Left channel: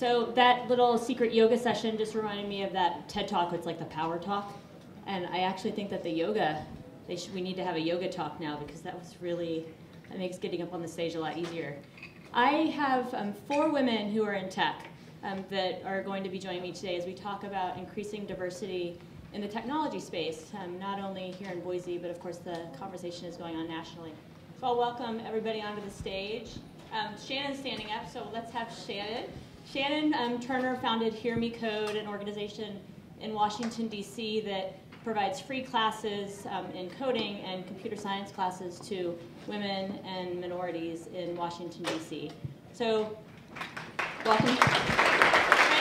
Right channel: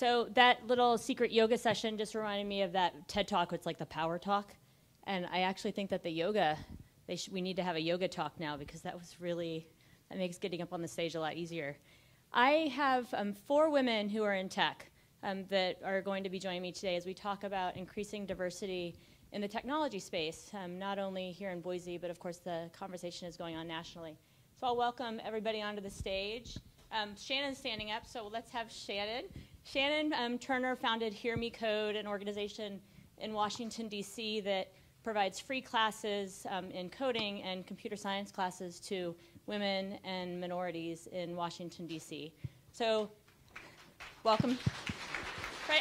So that little secret yoga session just reminded me of that TED Talk. It's like the power talk. And I actually think that the yoga, we need to have a yoga talk now, because that makes getting up on the stage a lot easier. I have 4 women who are in tech that are going to be joining me today as we talk about increasing diversity in the technology space, not only here in Boise, but of course the conversation is going on nationally. So I'll welcome everybody onto the stage. Shannon's standing up, so let's have Shannon. Shannon Turner founded Hear Me Code, an organization in Washington, D.C. that provides free classes in coding and computer science classes to women and minorities in Washington, D.C. So, welcome. My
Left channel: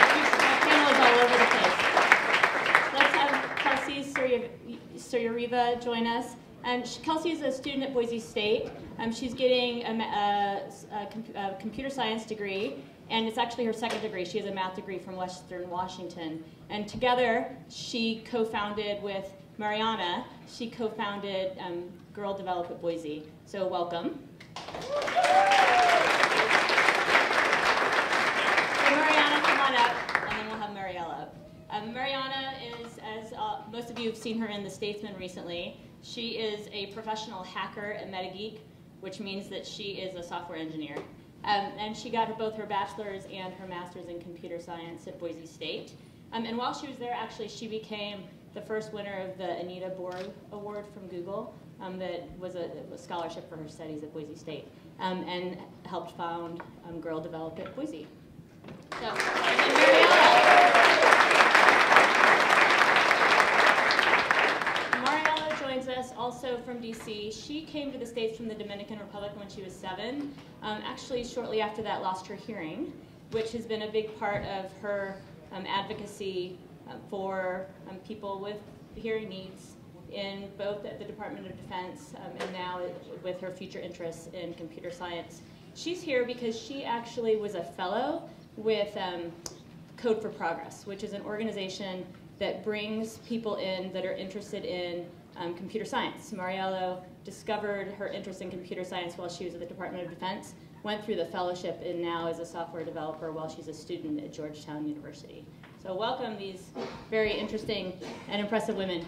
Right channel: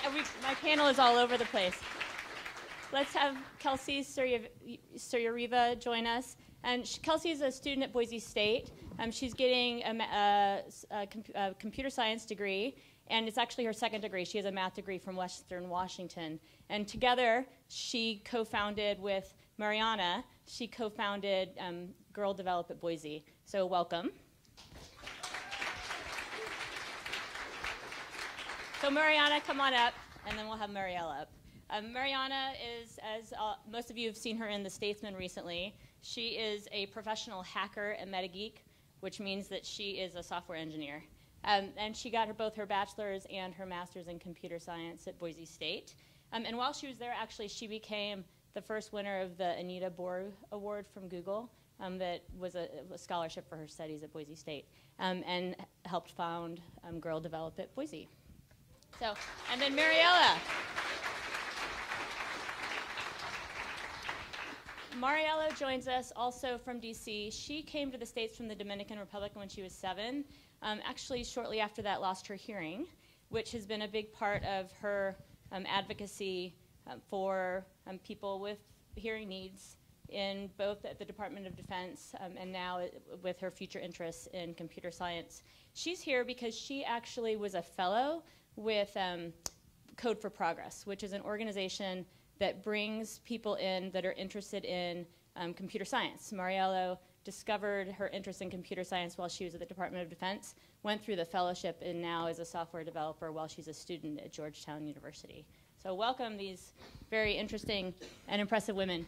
panel is all over the place. Let's have Kelsey Suyehira join us. And Kelsey is a student at Boise State. She's getting a computer science degree, and it's actually her 2nd degree. She has a math degree from Western Washington. And together, she co-founded with Mariana, she co-founded Girl Develop at Boise. So welcome. So Mariana, come on up, and then we'll have Mariella up. Mariana is, as most of you have seen her in The Statesman recently, she is a professional hacker at MetaGeek, which means that she is a software engineer. And she got both her bachelor's and her master's in computer science at Boise State. And while she was there, actually, she became the first winner of the Anita Borg Award from Google that was a scholarship for her studies at Boise State, and helped found Girl Develop at Boise. So, and then Mariella joins us also from DC. She came to the States from the Dominican Republic when she was 7. Actually, shortly after that, lost her hearing, which has been a big part of her advocacy for people with hearing needs in both at the Department of Defense and now with her future interests in computer science. She's here because she actually was a fellow with Code for Progress, which is an organization that brings people in that are interested in computer science. Mariella discovered her interest in computer science while she was at the Department of Defense, went through the fellowship, and now is a software developer while she's a student at Georgetown University. So welcome these very interesting and impressive women.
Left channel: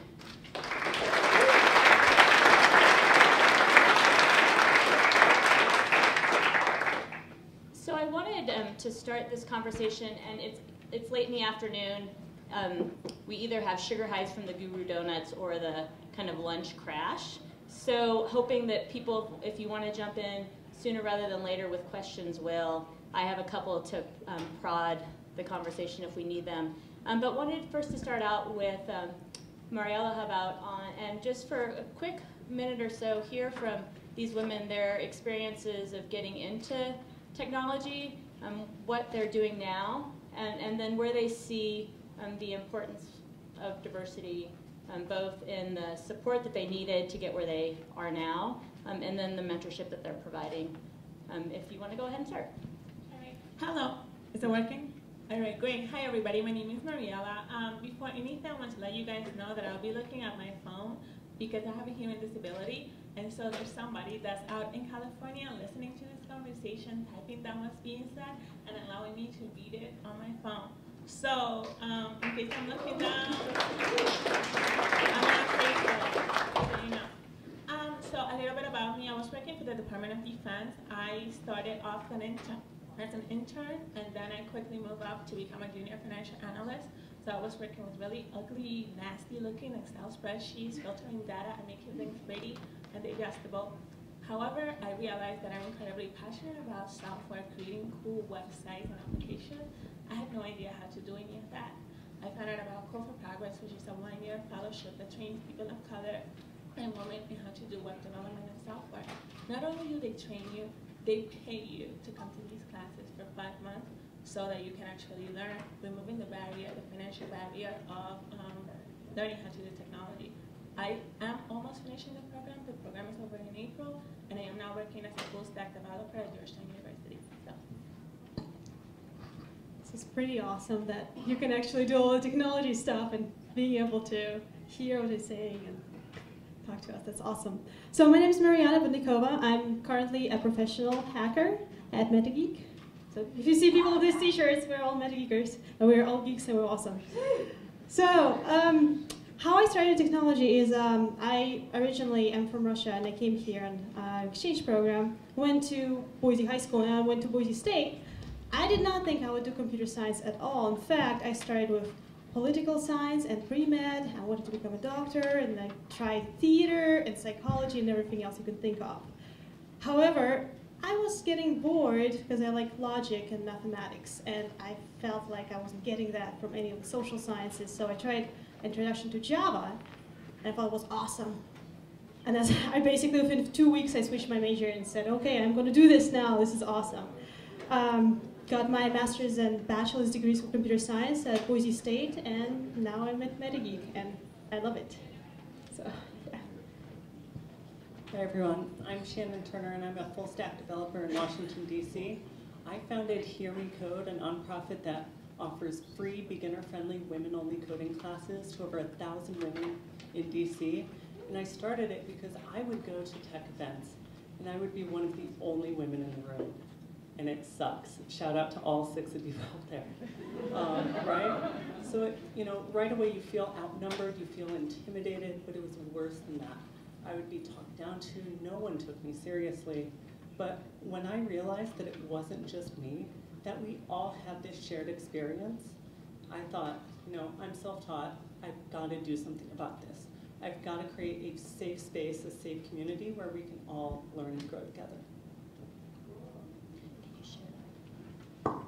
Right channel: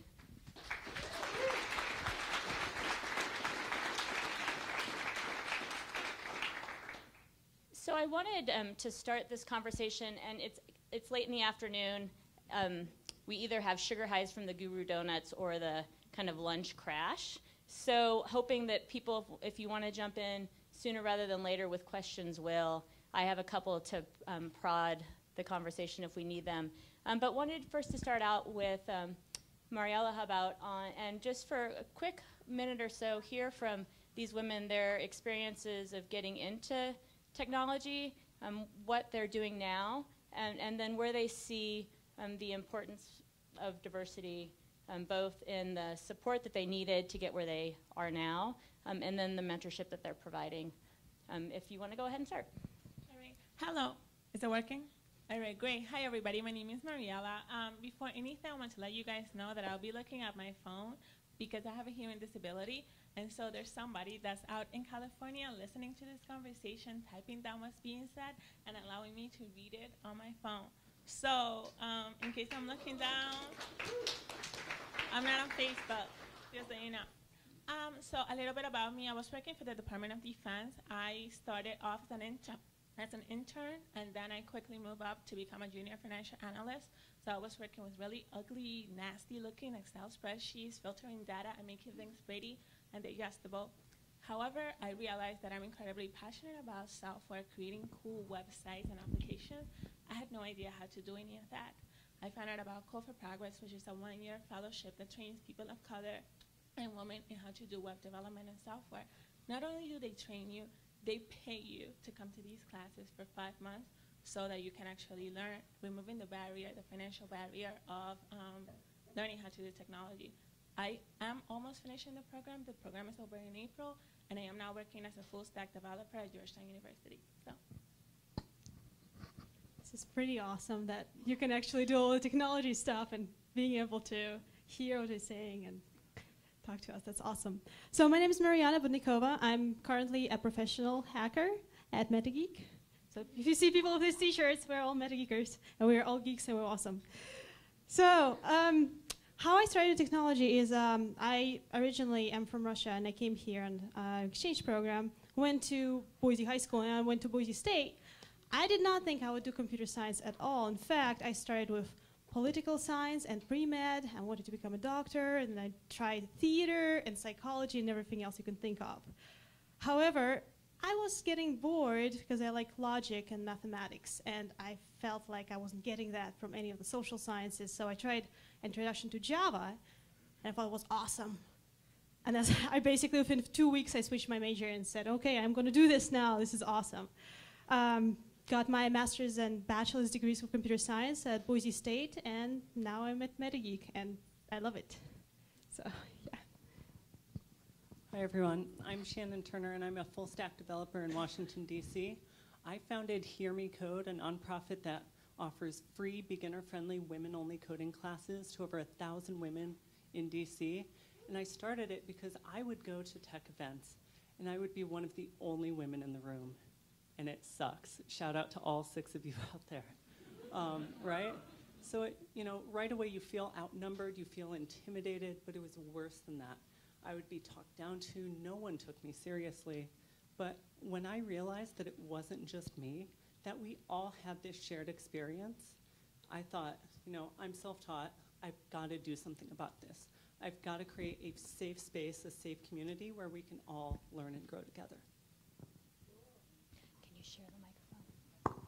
So I wanted to start this conversation, and it's late in the afternoon. We either have sugar highs from the Guru Donuts or the kind of lunch crash. So hoping that people, if you want to jump in sooner rather than later with questions, will. I have a couple to prod the conversation if we need them. But wanted first to start out with Mariella, how about, and just for a quick minute or so, hear from these women, their experiences of getting into technology, what they're doing now, and then where they see the importance of diversity, both in the support that they needed to get where they are now, and then the mentorship that they're providing. If you want to go ahead and start. All right. Hello. Is it working? All right, great. Hi, everybody. My name is Mariella. Before anything, I want to let you guys know that I'll be looking at my phone because I have a hearing disability. And so there's somebody that's out in California listening to this conversation, typing down what's being said, and allowing me to read it on my phone. So in case I'm looking down, I'm on Facebook, just so you know. So a little bit about me. I was working for the Department of Defense. I started off as an intern, and then I quickly moved up to become a junior financial analyst. So I was working with really ugly, nasty-looking Excel spreadsheets, filtering data, and making things pretty and digestible. However, I realized that I'm incredibly passionate about software, creating cool websites and applications. I had no idea how to do any of that. I found out about Code for Progress, which is a 1-year fellowship that trains people of color and women in how to do web development and software. Not only do they train you, they pay you to come to these classes for 5 months so that you can actually learn, removing the barrier, the financial barrier of learning how to do technology. I am almost finishing the program. The program is over in April, and I am now working as a full stack developer at Georgetown University. So. This is pretty awesome that you can actually do all the technology stuff and being able to hear what they're saying and talk to us. That's awesome. So my name is Mariana Budnikova. I'm currently a professional hacker at MetaGeek. So if you see people with these t-shirts, we're all MetaGeekers, and we're all geeks, and we're awesome. So how I started technology is I originally am from Russia, and I came here on exchange program, went to Boise High School, and I went to Boise State. I did not think I would do computer science at all. In fact, I started with political science and pre-med. I wanted to become a doctor, and I tried theater and psychology and everything else you can think of. However, I was getting bored because I like logic and mathematics, and I felt like I wasn't getting that from any of the social sciences, so I tried Introduction to Java, and I thought it was awesome. And as I basically, within 2 weeks, I switched my major and said, okay, I'm going to do this now. This is awesome. Got my master's and bachelor's degrees for computer science at Boise State, and now I'm at MetaGeek, and I love it. So, yeah. Hi everyone, I'm Shannon Turner, and I'm a full stack developer in Washington, D.C. I founded Hear Me Code, a nonprofit that offers free beginner-friendly women-only coding classes to over 1,000 women in D.C. And I started it because I would go to tech events, and I would be one of the only women in the room. And it sucks. Shout out to all 6 of you out there, right? So, right away you feel outnumbered, you feel intimidated, but it was worse than that. I would be talked down to, no one took me seriously. But when I realized that it wasn't just me, that we all had this shared experience, I thought, I'm self-taught, I've got to do something about this. I've got to create a safe space, a safe community where we can all learn and grow together. Can you share the microphone?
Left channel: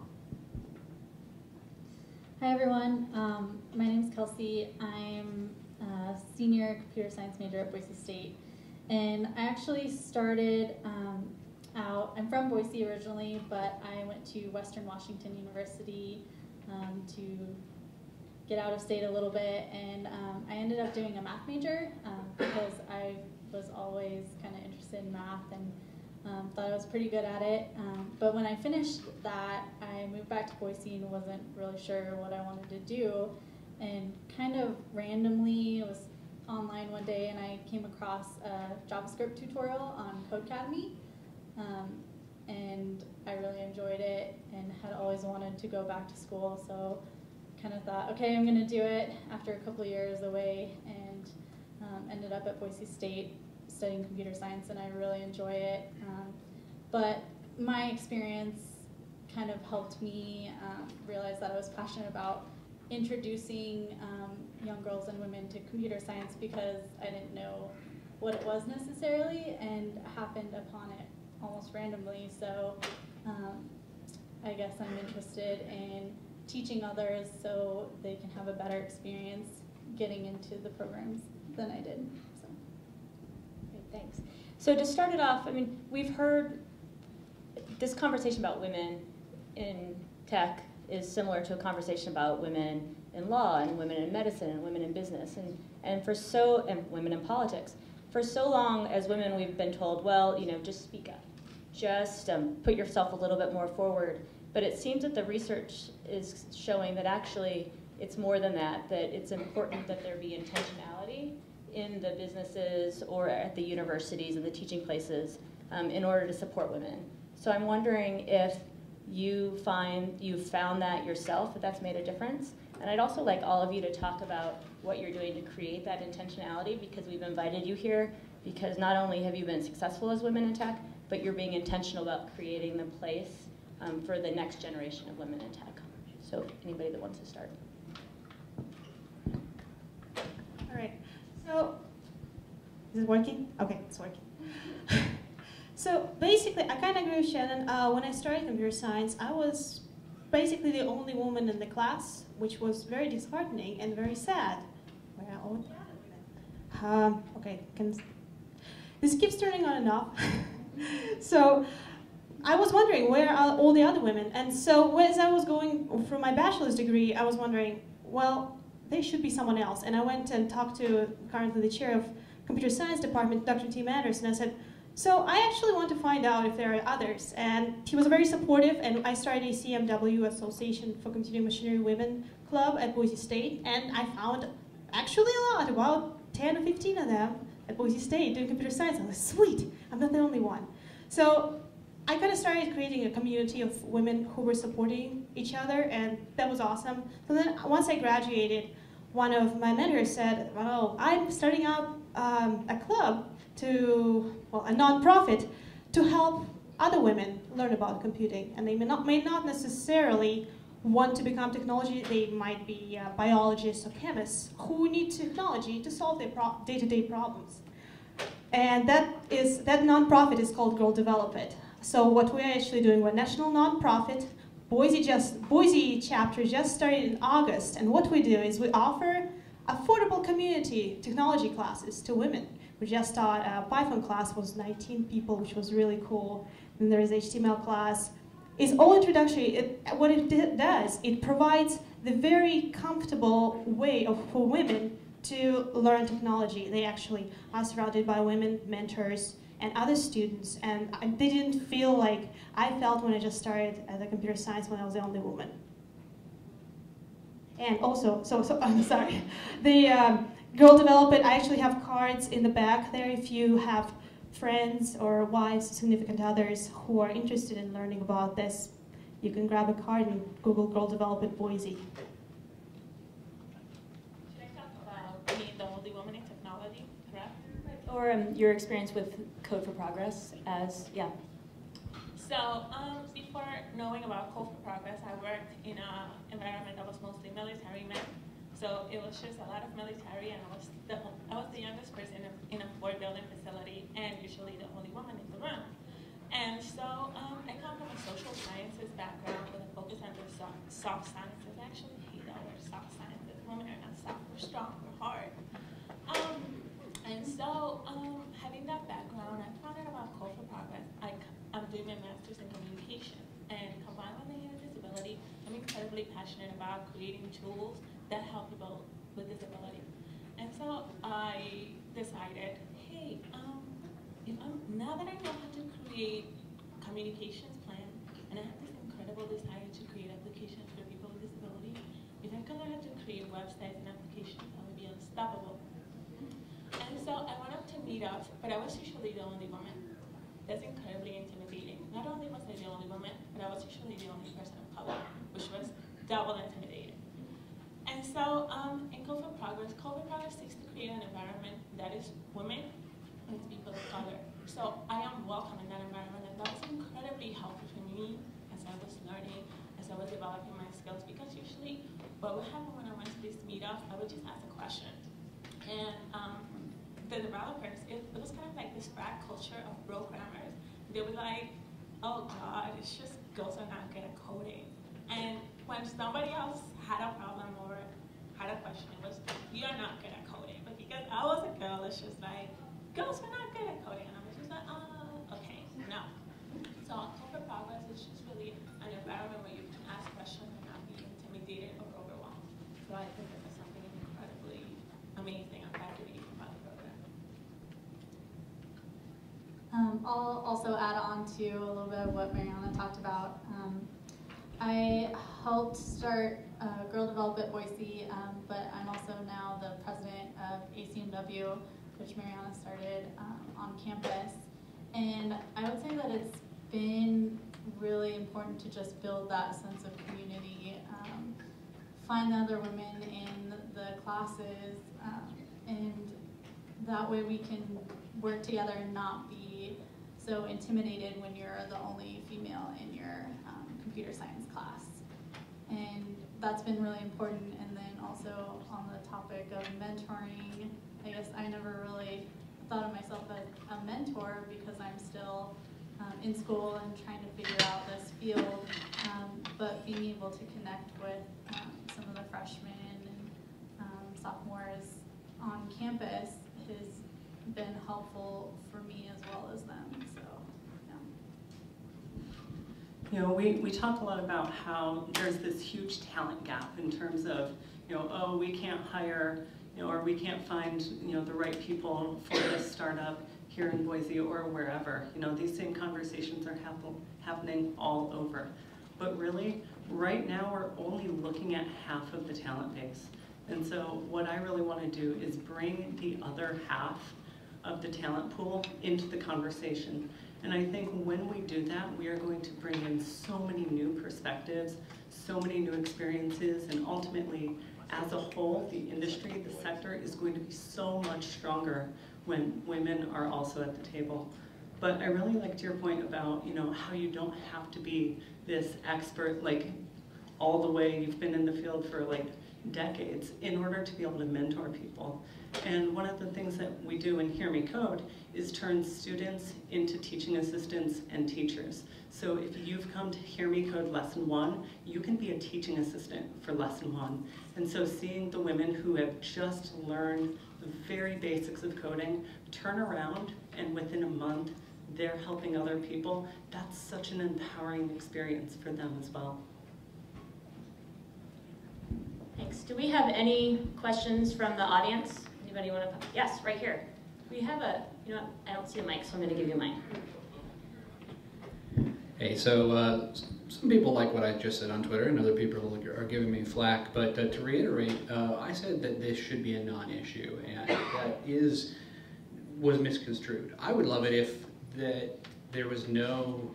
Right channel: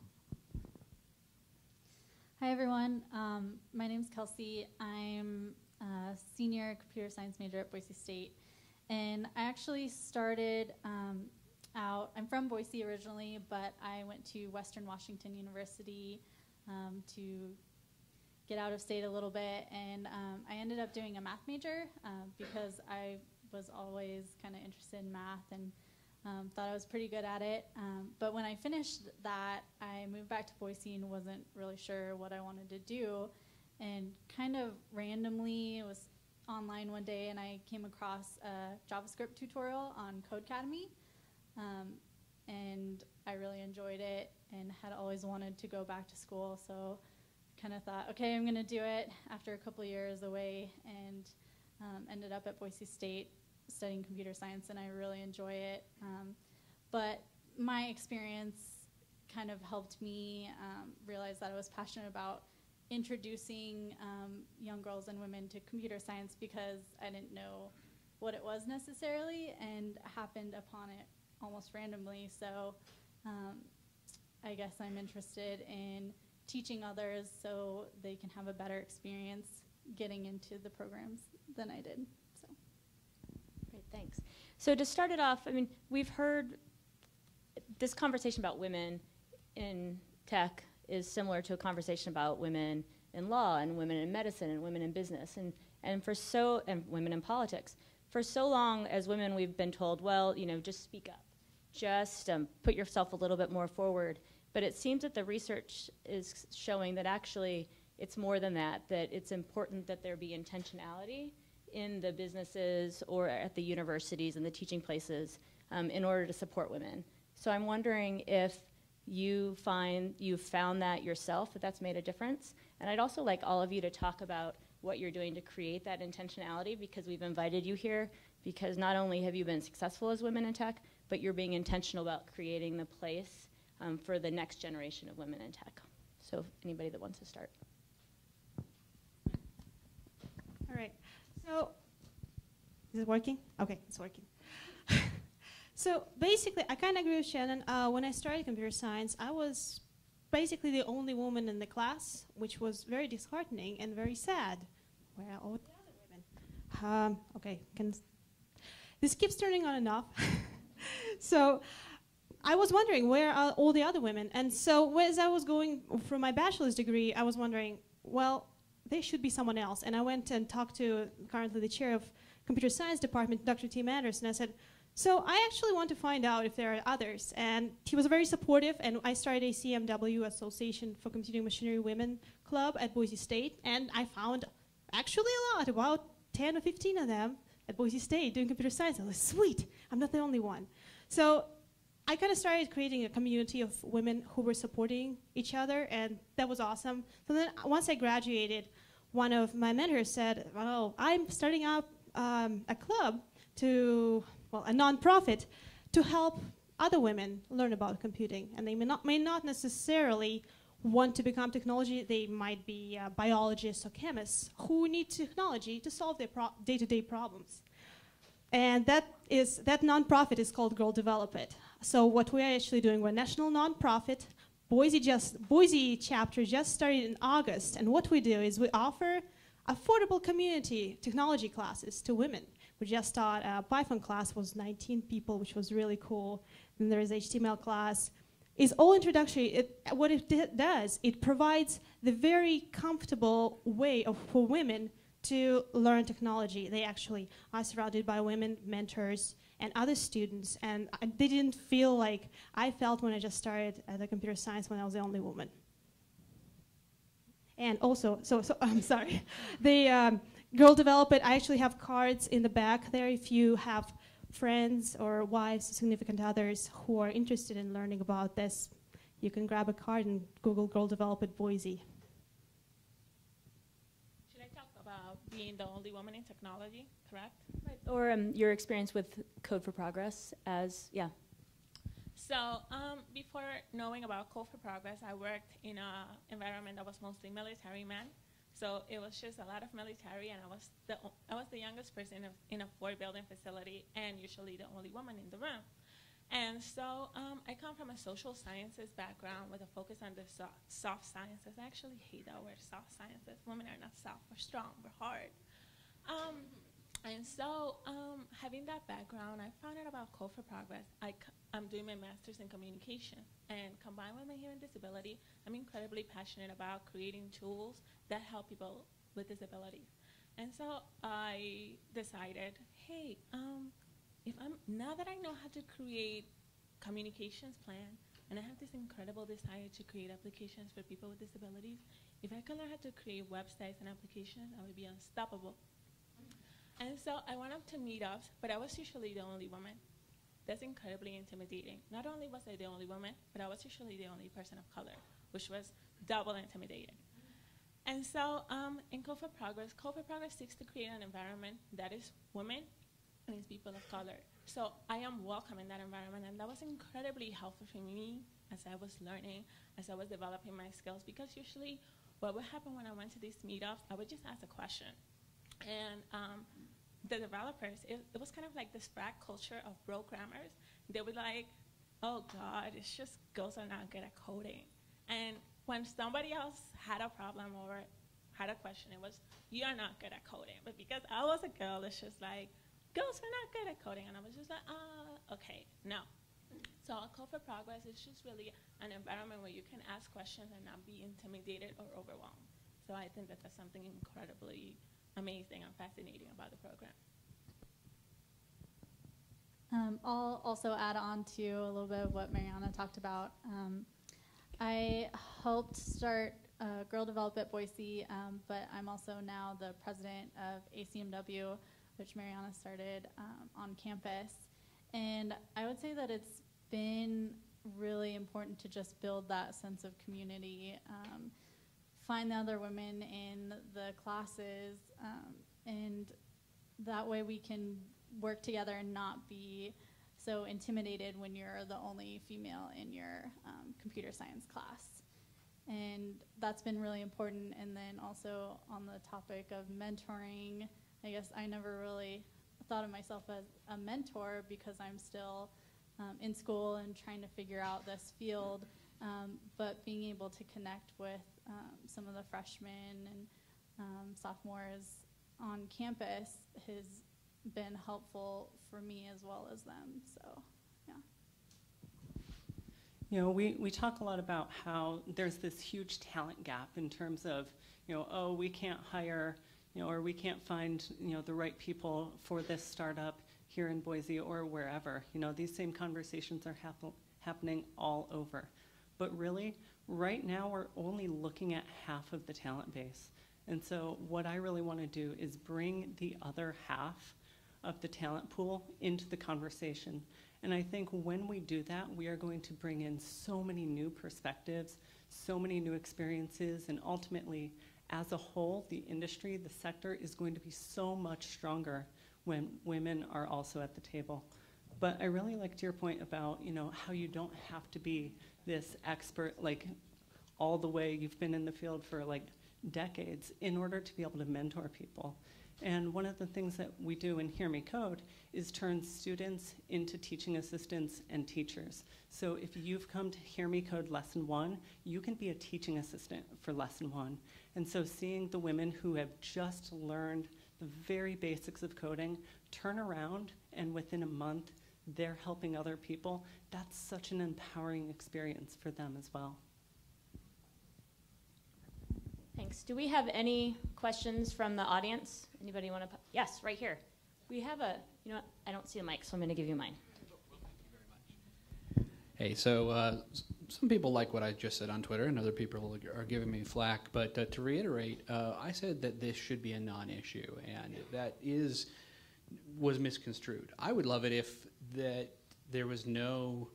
Hi everyone, my name is Kelsey. I'm a senior computer science major at Boise State, and I actually started I'm from Boise originally, but I went to Western Washington University to get out of state a little bit, and I ended up doing a math major because I was always kind of interested in math and thought I was pretty good at it. But when I finished that, I moved back to Boise and wasn't really sure what I wanted to do, and kind of randomly was online one day and I came across a JavaScript tutorial on Codecademy. And I really enjoyed it and had always wanted to go back to school, so kind of thought, okay, I'm going to do it after a couple years away, and ended up at Boise State studying computer science, and I really enjoy it. But my experience kind of helped me realize that I was passionate about introducing young girls and women to computer science because I didn't know what it was necessarily, and happened upon it almost randomly. So I guess I'm interested in teaching others so they can have a better experience getting into the programs than I did. So. Great, thanks. So to start it off, we've heard this conversation about women in tech is similar to a conversation about women in law and women in medicine and women in business and women in politics. For so long as women, we've been told, well, just speak up. Just put yourself a little bit more forward. But it seems that the research is showing that actually it's more than that, that it's important that there be intentionality in the businesses or at the universities and the teaching places in order to support women. So I'm wondering if you've found that yourself, that that's made a difference. And I'd also like all of you to talk about what you're doing to create that intentionality, because we've invited you here because not only have you been successful as women in tech, but you're being intentional about creating the place for the next generation of women in tech. So anybody that wants to start. All right. So, is it working? Okay, it's working. So basically, I kind of agree with Shannon. When I started computer science, I was basically the only woman in the class, which was very disheartening and very sad. Where are all the other women? Okay, this keeps turning on and off. So I was wondering, where are all the other women? And so as I was going through my bachelor's degree, I was wondering, well, they should be someone else. And I went and talked to currently the chair of computer science department, Dr. Tim Anderson, and I said, so I actually want to find out if there are others. And he was very supportive, and I started a CMW, Association for Computing Machinery Women Club at Boise State, and I found actually a lot, about 10 or 15 of them at Boise State doing computer science. I was like, sweet, I'm not the only one. So I kind of started creating a community of women who were supporting each other, and that was awesome. So then once I graduated, one of my mentors said, "Oh, I'm starting up a club a nonprofit to help other women learn about computing, and they may not necessarily want to become technology. They might be biologists or chemists who need technology to solve their day-to-day problems." And that nonprofit is called Girl Develop It. So what we're actually doing, we're a national nonprofit. Boise chapter just started in August, and what we do is we offer affordable community technology classes to women. We just taught a Python class, was 19 people, which was really cool. And there is HTML class. It's all introductory. What it does, it provides the very comfortable way for women to learn technology. They actually are surrounded by women mentors and other students, and they didn't feel like I felt when I just started at the computer science when I was the only woman. And also, I'm sorry, the Girl Develop It, I actually have cards in the back there if you have friends or wives, significant others who are interested in learning about this. You can grab a card and Google Girl Develop It Boise. Should I talk about being the only woman in technology, correct? Or your experience with Code for Progress yeah. So before knowing about Code for Progress, I worked in an environment that was mostly military men. So it was just a lot of military, and I was the youngest person in a 4-building facility, and usually the only woman in the room. And so I come from a social sciences background with a focus on the soft sciences. I actually hate that word, soft sciences. Women are not soft, we're strong, we're hard. And so having that background, I found out about Code for Progress. I'm doing my master's in communication, and combined with my human disability, I'm incredibly passionate about creating tools that help people with disability. And so I decided, hey, now that I know how to create communications plan, and I have this incredible desire to create applications for people with disability, if I can learn how to create websites and applications, I would be unstoppable. And so I went up to meetups, but I was usually the only woman. That's incredibly intimidating. Not only was I the only woman, but I was usually the only person of color, which was double intimidating. And so in Code for Progress seeks to create an environment that is women and is people of color. So I am welcome in that environment, and that was incredibly helpful for me as I was learning, as I was developing my skills, because usually what would happen when I went to these meetups, I would just ask a question. And the developers, it was kind of like this frat culture of programmers. They were like, oh God, it's just girls are not good at coding. And when somebody else had a problem or had a question, it was, you're not good at coding. But because I was a girl, it's just like, girls are not good at coding. And I was just like, okay, no. So Code for Progress is just really an environment where you can ask questions and not be intimidated or overwhelmed. So I think that that's something incredibly amazing and fascinating about the program. I'll also add on to a little bit of what Mariana talked about. I helped start Girl Develop It Boise, but I'm also now the president of ACMW, which Mariana started on campus. And I would say that it's been really important to just build that sense of community, find the other women in the classes, and that way we can work together and not be so intimidated when you're the only female in your computer science class. And that's been really important. And then also on the topic of mentoring, I guess I never really thought of myself as a mentor because I'm still in school and trying to figure out this field, but being able to connect with some of the freshmen and sophomores on campus has been helpful for me as well as them. So, yeah. You know, we talk a lot about how there's this huge talent gap in terms of, you know, oh, we can't hire, you know, or we can't find, you know, the right people for this startup here in Boise or wherever. You know, these same conversations are happening all over. But really, right now, we're only looking at half of the talent base. And so what I really want to do is bring the other half of the talent pool into the conversation. And I think when we do that, we are going to bring in so many new perspectives, so many new experiences, and ultimately, as a whole, the industry, the sector is going to be so much stronger when women are also at the table. But I really liked your point about, how you don't have to be this expert, like all the way, you've been in the field for like decades in order to be able to mentor people. And one of the things that we do in Hear Me Code is turn students into teaching assistants and teachers. So if you've come to Hear Me Code Lesson 1, you can be a teaching assistant for Lesson 1. And so seeing the women who have just learned the very basics of coding turn around and within a month they're helping other people, that's such an empowering experience for them as well. Thanks. Do we have any questions from the audience? Anybody want to? Yes, right here. We have I don't see a mic, so I'm going to give you mine. Hey, so some people like what I just said on Twitter, and other people are giving me flack. But to reiterate, I said that this should be a non-issue, and that was misconstrued. I would love it if there was no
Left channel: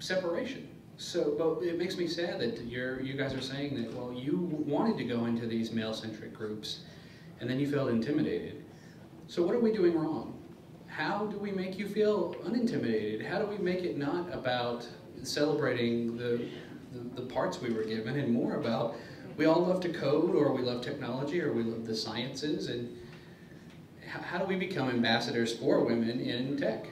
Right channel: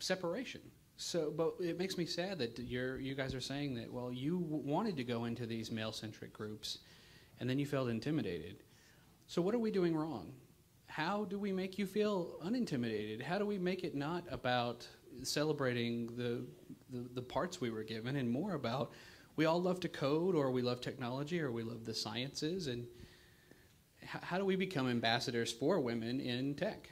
separation. So, but it makes me sad that you guys are saying that, well, you wanted to go into these male-centric groups, and then you felt intimidated. So what are we doing wrong? How do we make you feel unintimidated? How do we make it not about celebrating the parts we were given and more about we all love to code, or we love technology, or we love the sciences, and how do we become ambassadors for women in tech?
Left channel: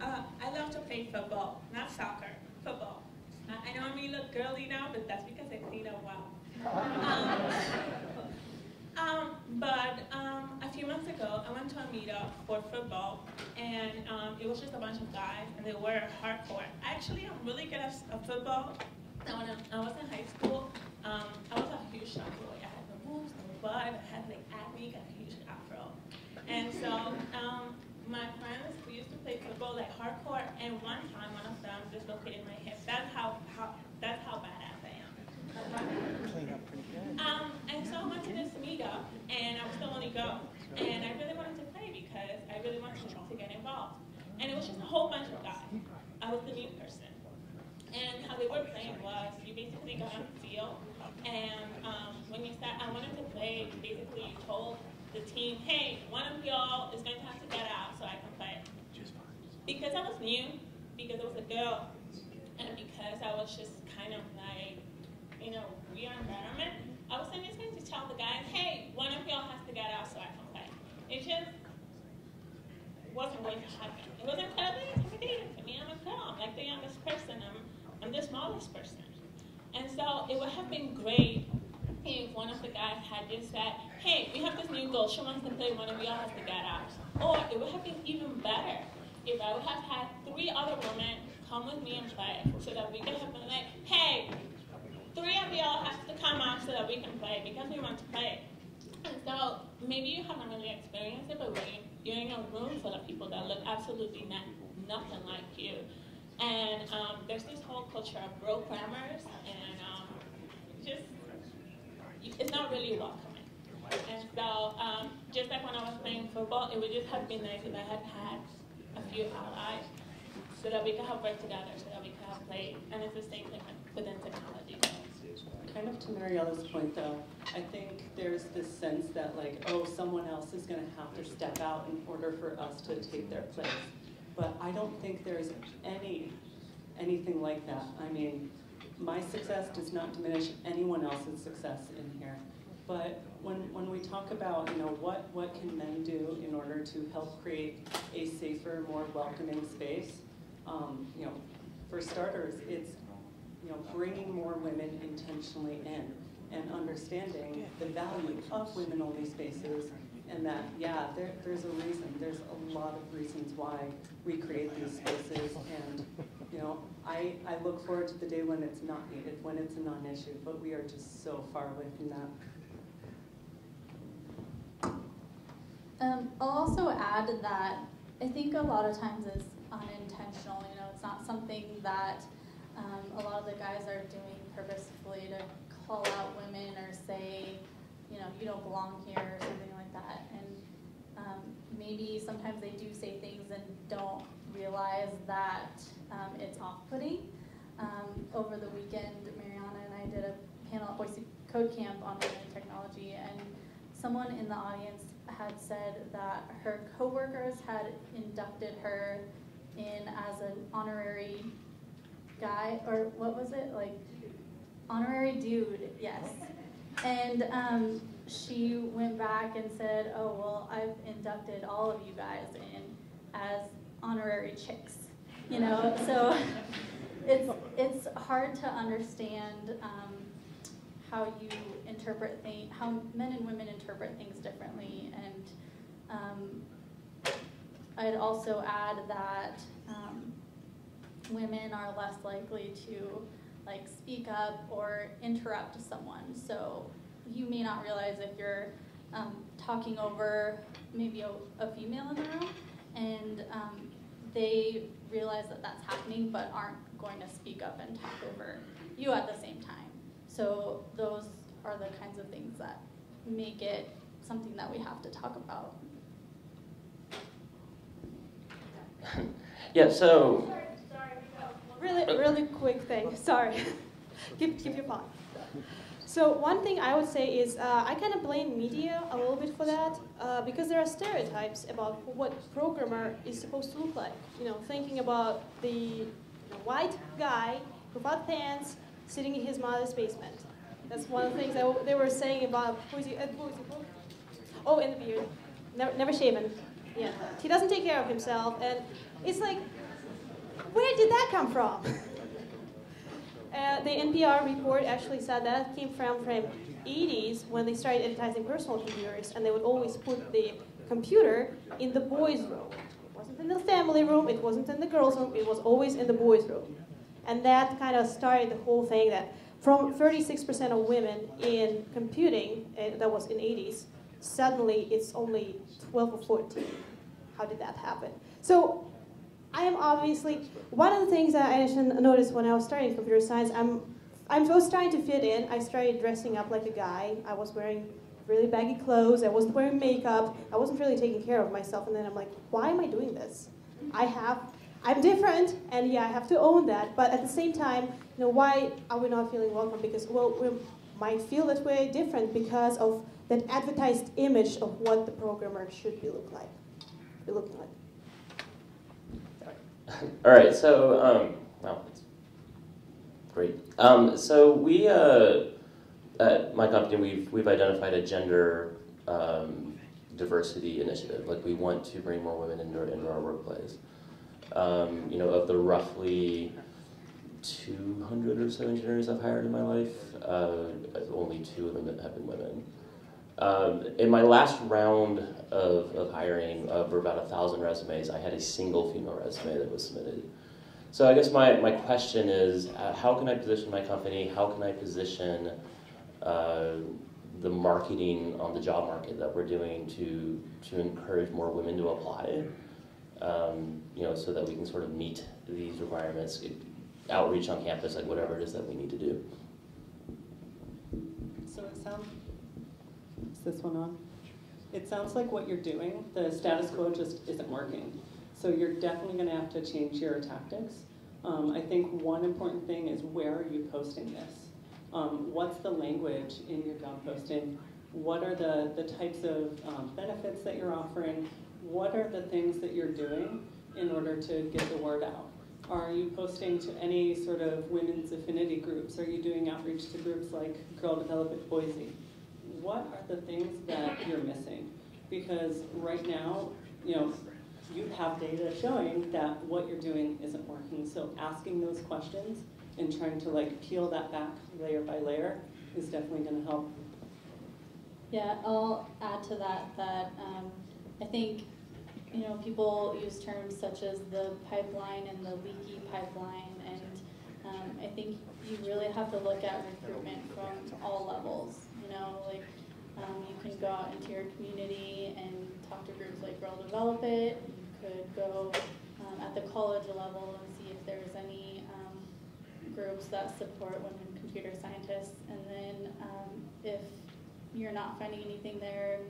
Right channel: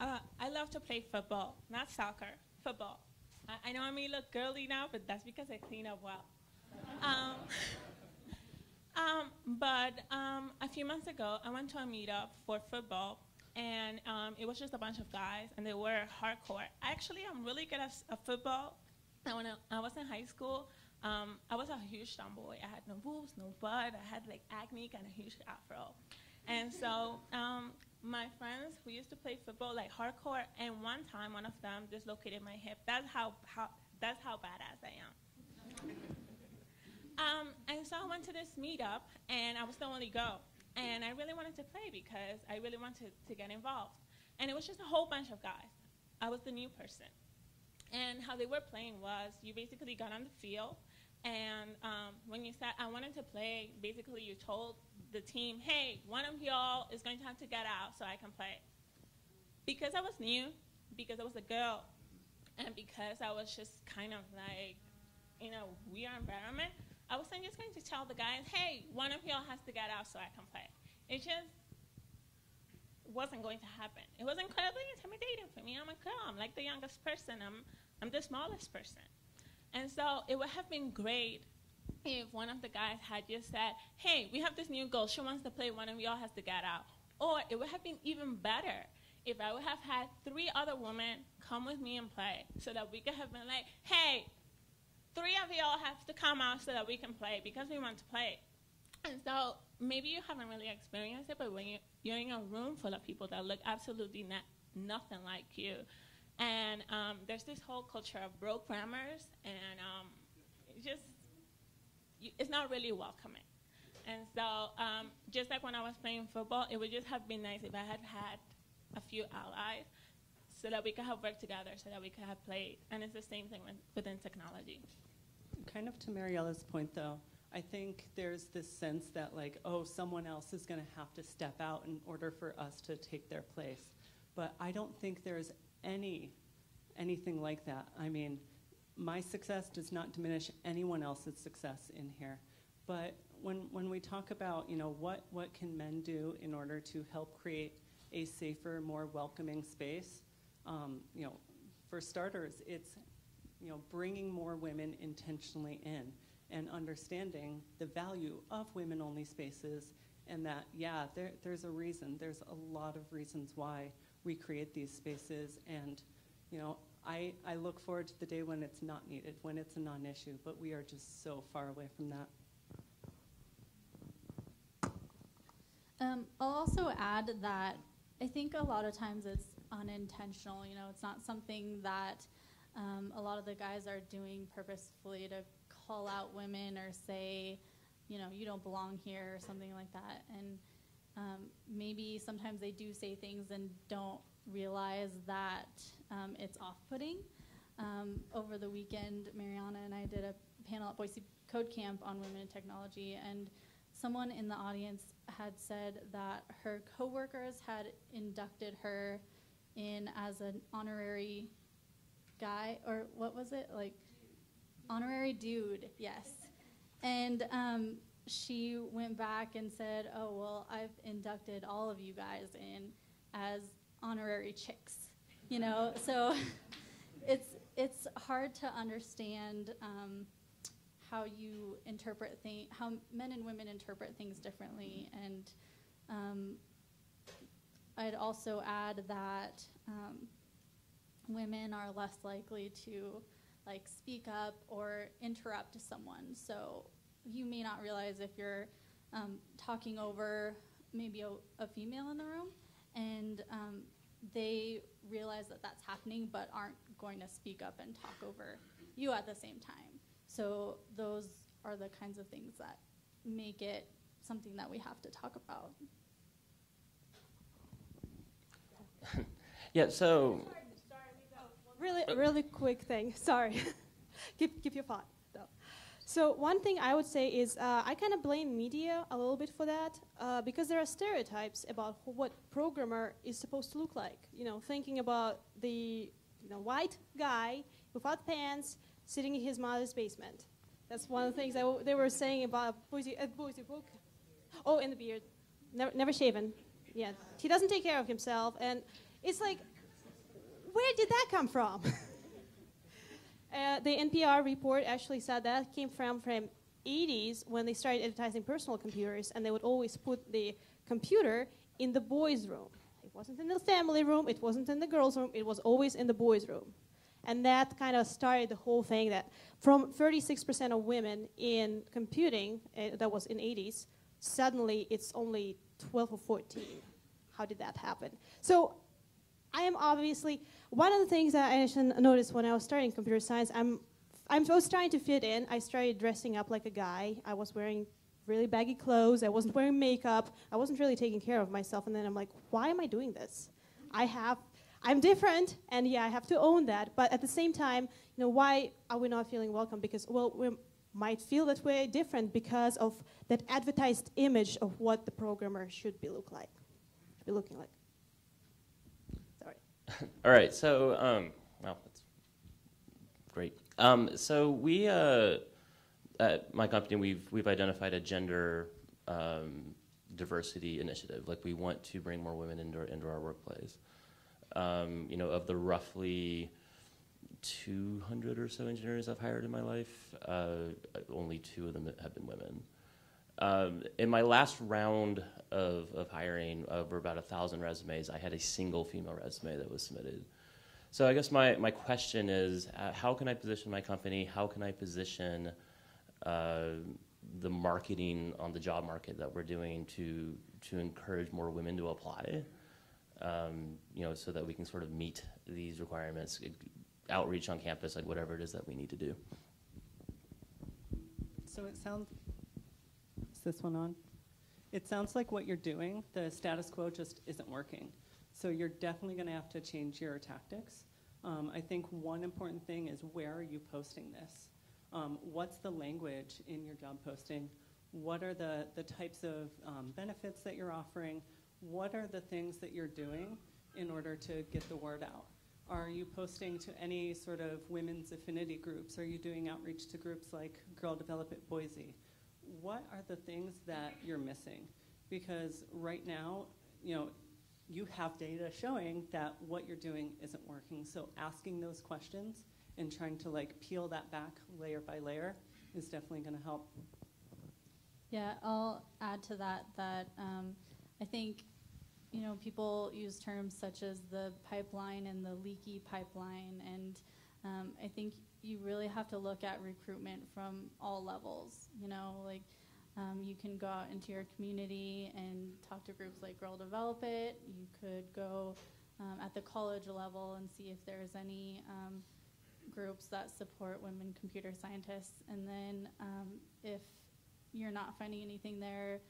I love to play football, not soccer, football. I know I may look girly now, but that's because I clean up well. But a few months ago, I went to a meetup for football, and it was just a bunch of guys, and they were hardcore. Actually, I'm really good at football. And when I was in high school, I was a huge tomboy. I had no boobs, no butt, I had like acne, got a huge afro. And so my friends who used to play football like hardcore, and one time one of them dislocated my hip. That's how badass I am. And so I went to this meetup, and I was the only girl, and I really wanted to play because I really wanted to get involved. And it was just a whole bunch of guys. I was the new person. And how they were playing was you basically got on the field, and when you said I wanted to play, basically you told the team, hey, one of y'all is going to have to get out so I can play. Because I was new, because I was a girl, and because I was just kind of like, weird environment, I was just going to tell the guys, hey, one of y'all has to get out so I can play. It just wasn't going to happen. It was incredibly intimidating for me. I'm a girl. I'm like the youngest person. I'm the smallest person. And so it would have been great if one of the guys had just said, hey, we have this new girl. She wants to play. One of y'all has to get out. Or it would have been even better if I would have had 3 other women come with me and play so that we could have been like, hey, 3 of y'all have to come out so that we can play because we want to play. And so maybe you haven't really experienced it, but when you're in a room full of people that look absolutely nothing like you, and there's this whole culture of broke grammars, and it's not really welcoming. And so just like when I was playing football, it would just have been nice if I had had a few allies so that we could have worked together, so that we could have played. And it's the same thing within technology. Kind of to Mariella's point, though, I think there's this sense that, like, oh, someone else is going to have to step out in order for us to take their place. But I don't think there's anything like that. I mean, my success does not diminish anyone else's success in here. But when we talk about, what can men do in order to help create a safer, more welcoming space, for starters, it's bringing more women intentionally in and understanding the value of women-only spaces, and that, there's a reason. There's a lot of reasons why we create these spaces, and I look forward to the day when it's not needed, when it's a non-issue, but we are just so far away from that. I'll also add that I think a lot of times it's unintentional. It's not something that a lot of the guys are doing purposefully to call out women or say, you know, you don't belong here or something like that. And maybe sometimes they do say things and don't realize that it's off-putting. Over the weekend, Mariana and I did a panel at Boise Code Camp on women in technology, and someone in the audience had said that her coworkers had inducted her in as an honorary guy, or what was it, like honorary dude, yes. And she went back and said, oh, well, I've inducted all of you guys in as honorary chicks, you know? So it's hard to understand how you interpret things, how men and women interpret things differently. And I'd also add that women are less likely to like speak up or interrupt someone. So you may not realize if you're talking over maybe a female in the room, and they realize that that's happening but aren't going to speak up and talk over you at the same time. So those are the kinds of things that make it something that we have to talk about. Yeah, so... Really quick thing, sorry. keep your thought. So one thing I would say is I kind of blame media a little bit for that because there are stereotypes about what programmer is supposed to look like. You know, thinking about the white guy without pants sitting in his mother's basement. That's one of the things that they were saying about Boise. Oh, and the beard, never shaven. Yeah, he doesn't take care of himself, and it's like, where did that come from? The NPR report actually said that came from 80s when they started advertising personal computers, and they would always put the computer in the boys' room. It wasn't in the family room, it wasn't in the girls' room, it was always in the boys' room. And that kind of started the whole thing that from 36% of women in computing, that was in 80s, suddenly it's only 12 or 14. How did that happen? So I am obviously, one of the things that I noticed when I was studying computer science, I was trying to fit in. I started dressing up like a guy. I was wearing really baggy clothes. I wasn't wearing makeup. I wasn't really taking care of myself. And then I'm like, why am I doing this? I'm different, and yeah, I have to own that. But at the same time, why are we not feeling welcome? Because, well, we might feel that we're different because of that advertised image of what the programmer should be looking like. Sorry. All right, so, wow, that's great. So we, at my company, we've identified a gender diversity initiative. Like, we want to bring more women into our workplace. Of the roughly 200 or so engineers I've hired in my life, only 2 of them have been women. In my last round of hiring, for about 1,000 resumes, I had a single female resume that was submitted. So I guess my question is, how can I position my company? How can I position the marketing on the job market that we're doing to encourage more women to apply? So that we can sort of meet these requirements, outreach on campus, like whatever it is that we need to do. So it sounds, is this one on? It sounds like what you're doing, the status quo just isn't working. So you're definitely gonna have to change your tactics. I think one important thing is, where are you posting this? What's the language in your job posting? What are the types of benefits that you're offering? What are the things that you're doing in order to get the word out? Are you posting to any sort of women's affinity groups? Are you doing outreach to groups like Girl Develop at Boise? What are the things that you're missing? Because right now, you have data showing that what you're doing isn't working. So asking those questions and trying to peel that back layer by layer is definitely going to help. Yeah, I'll add to that I think people use terms such as the pipeline and the leaky pipeline, and I think you really have to look at recruitment from all levels. You can go out into your community and talk to groups like Girl Develop It. You could go at the college level and see if there's any groups that support women computer scientists. And then if you're not finding anything there,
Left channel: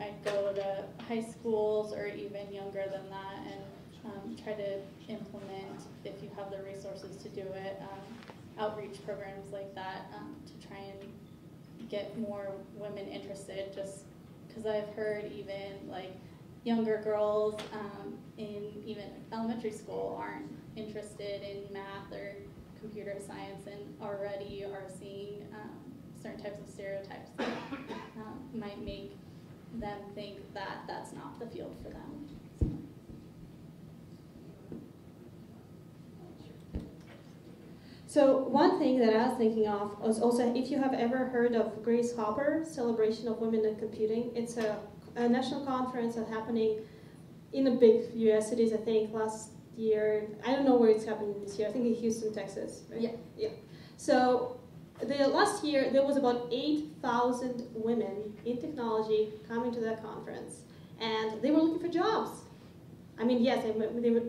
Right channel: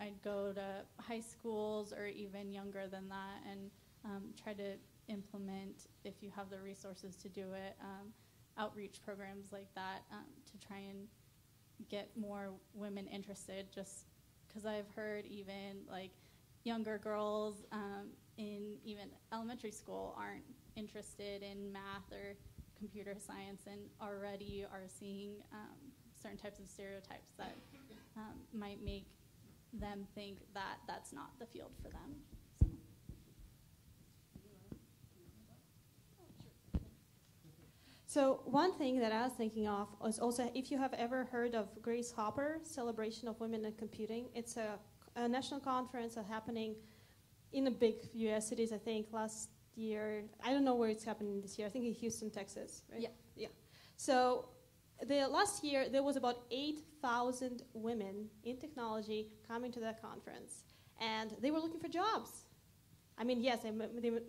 I'd go to high schools or even younger than that and try to implement, if you have the resources to do it, outreach programs like that to try and get more women interested, just because I've heard even like younger girls in even elementary school aren't interested in math or computer science and already are seeing certain types of stereotypes that might make them think that that's not the field for them. So one thing that I was thinking of was also, if you have ever heard of Grace Hopper, Celebration of Women in Computing, it's a national conference that's happening in the big US cities, I think, last year. I don't know where it's happening this year. I think in Houston, Texas, right? Yeah. Yeah. So the last year, there was about 8,000 women in technology coming to that conference, and they were looking for jobs. I mean, yes,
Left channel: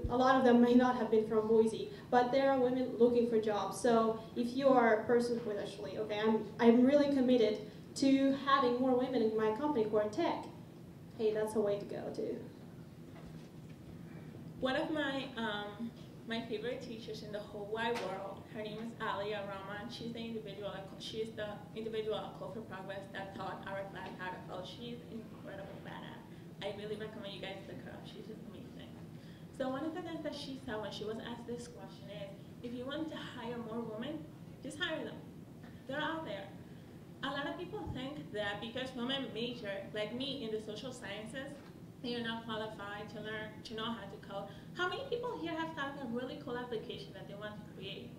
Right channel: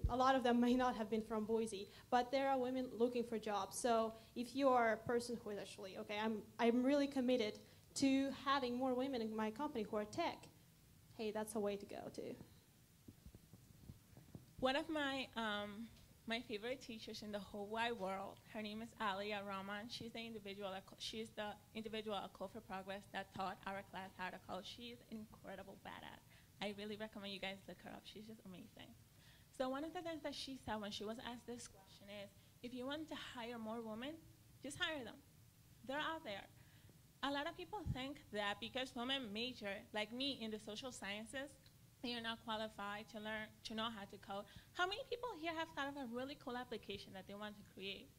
a lot of them may not have been from Boise, but there are women looking for jobs. So if you are a person who is actually, okay, I'm really committed to having more women in my company who are tech, hey, that's a way to go too. One of my favorite teachers in the whole wide world, her name is Alia Rahman. She's the individual at Code for Progress that taught our class how to code. She's incredible badass. I really recommend you guys look her up. She's just amazing. So one of the things that she said when she was asked this question is, if you want to hire more women, just hire them. They're out there. A lot of people think that because women major, like me, in the social sciences, you're not qualified to learn, to know how to code. How many people here have thought of a really cool application that they want to create?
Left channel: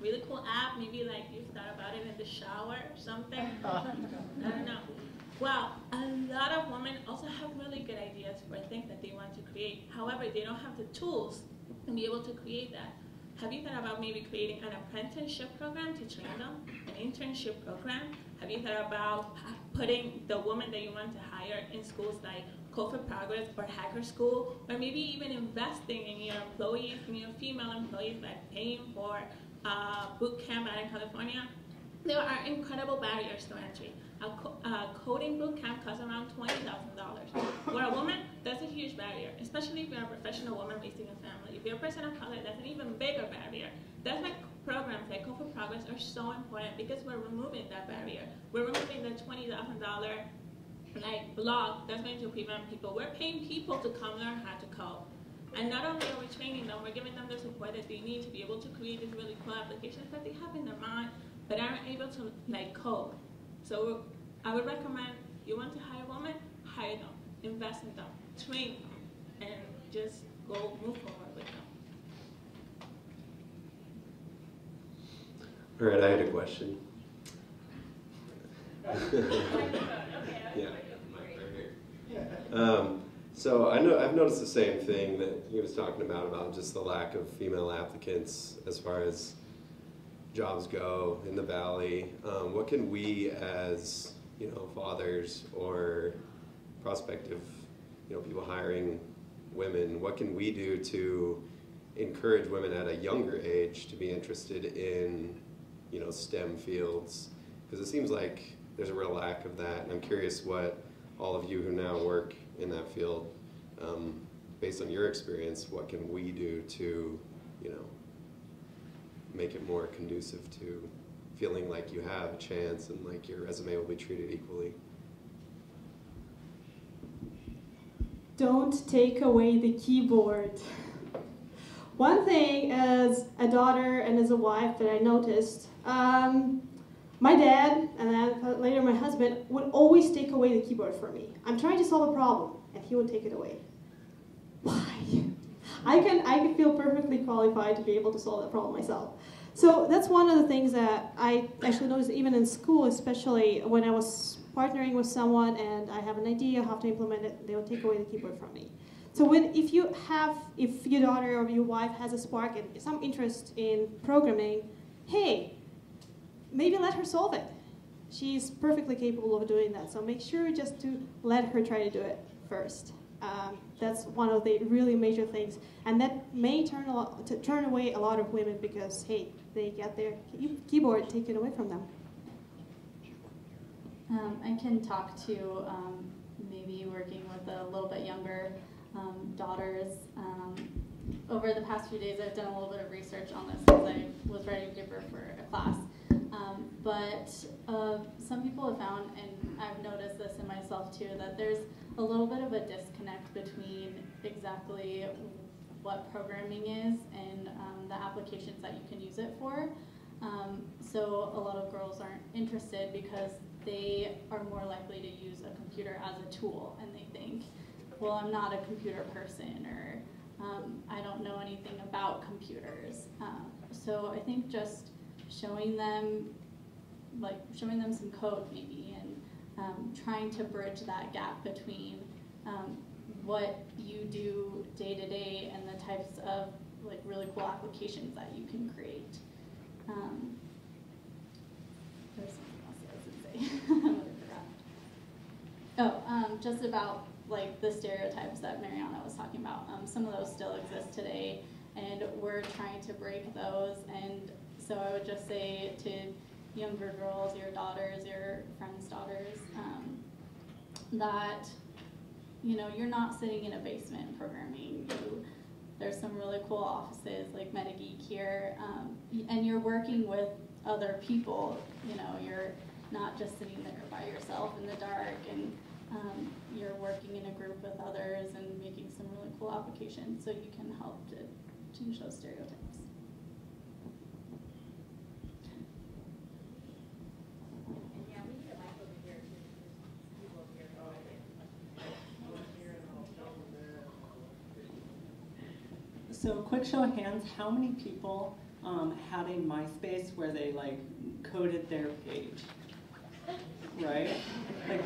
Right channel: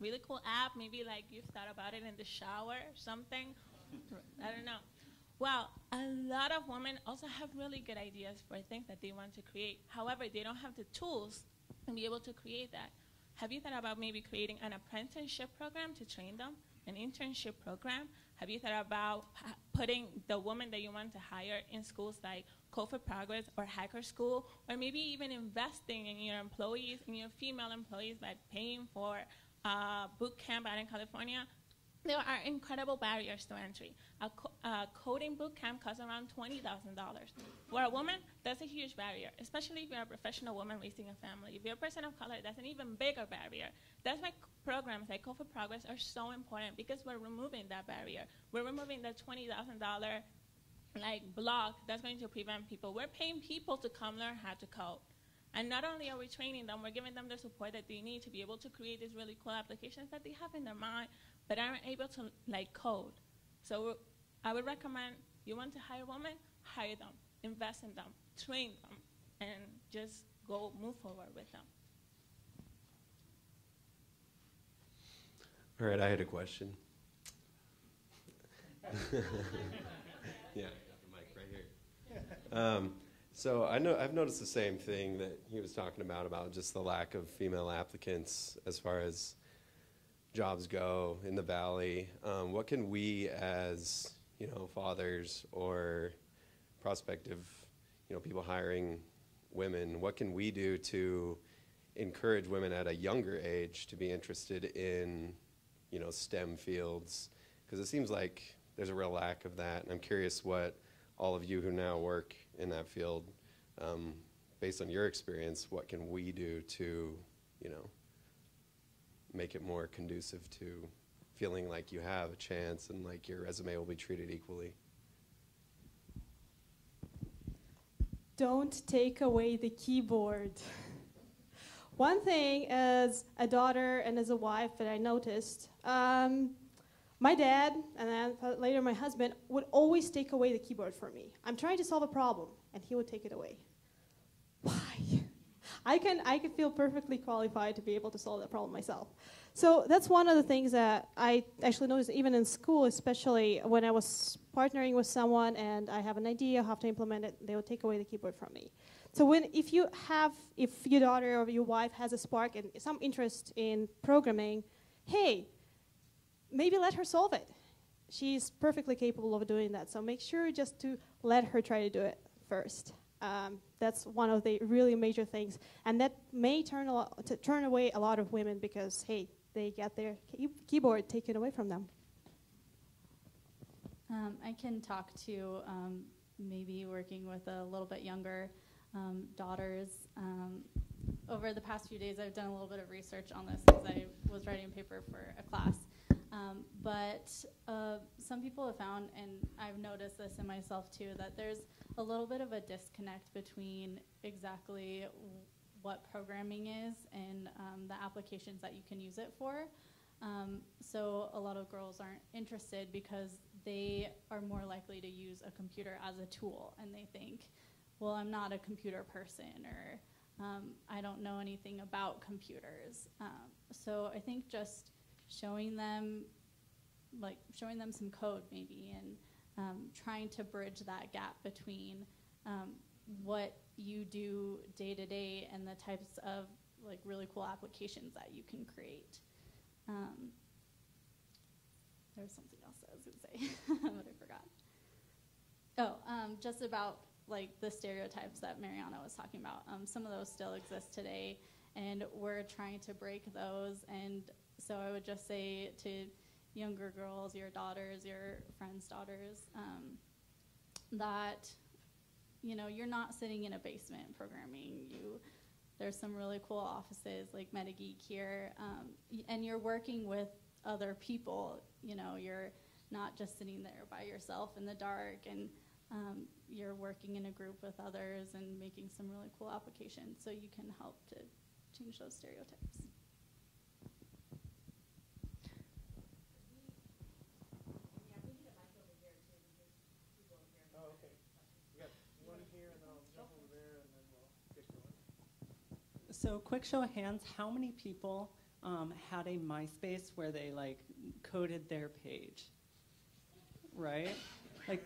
Really cool app, maybe like you've thought about it in the shower or something? I don't know. Well, a lot of women also have really good ideas for things that they want to create. However, they don't have the tools to be able to create that. Have you thought about maybe creating an apprenticeship program to train them? An internship program? Have you thought about putting the woman that you want to hire in schools like Code for Progress or Hacker School? Or maybe even investing in your employees, in your female employees, by paying for boot camp out in California? There are incredible barriers to entry. A coding boot camp costs around $20,000. For a woman, that's a huge barrier, especially if you're a professional woman raising a family. If you're a person of color, that's an even bigger barrier. That's why programs like Code for Progress are so important, because we're removing that barrier. We're removing the $20,000 block that's going to prevent people. We're paying people to come learn how to code. And not only are we training them, we're giving them the support that they need to be able to create these really cool applications that they have in their mind, but aren't able to code. So I would recommend, you want to hire women, hire them, invest in them, train them, and just go move forward with them. All right, I had a question. Yeah, right here. So I've noticed the same thing that he was talking about just the lack of female applicants as far as jobs go in the Valley. What can we as, fathers or prospective, people hiring women, what can we do to encourage women at a younger age to be interested in, STEM fields? Because it seems like there's a real lack of that, and I'm curious what all of you who now work in that field, based on your experience, what can we do to, make it more conducive to feeling like you have a chance and like your resume will be treated equally? Don't take away the keyboard. One thing as a daughter and as a wife that I noticed, my dad and then later my husband would always take away the keyboard for me. I'm trying to solve a problem and he would take it away. Why? I can feel perfectly qualified to be able to solve that problem myself. So that's one of the things that I actually noticed even in school, especially when I was partnering with someone and I have an idea how to implement it, they would take away the keyboard from me. So if your daughter or your wife has a spark and some interest in programming, hey, maybe let her solve it. She's perfectly capable of doing that. So make sure just to let her try to do it first. That's one of the really major things, and that may turn away a lot of women because, hey, they get their keyboard taken away from them. I can talk to maybe working with a little bit younger daughters. Over the past few days, I've done a little bit of research on this because I was writing a paper for a class. But some people have found, and I've noticed this in myself too, that there's a little bit of a disconnect between exactly what programming is and the applications that you can use it for. So a lot of girls aren't interested because they are more likely to use a computer as a tool, and they think, well, I'm not a computer person, or I don't know anything about computers. So I think just showing them some code maybe, and trying to bridge that gap between what you do day to day and the types of like really cool applications that you can create. There's something else I was gonna say, but I forgot. Oh, just about like the stereotypes that Mariana was talking about. Some of those still exist today, and we're trying to break those. And so I would just say to younger girls, your daughters, your friends' daughters, that you're not sitting in a basement programming. There's some really cool offices like MetaGeek here, and you're working with other people. You're not just sitting there by yourself in the dark, and you're working in a group with others and making some really cool applications, so you can help to change those stereotypes. So quick show of hands, how many people had a MySpace where they like coded their page, right? Like,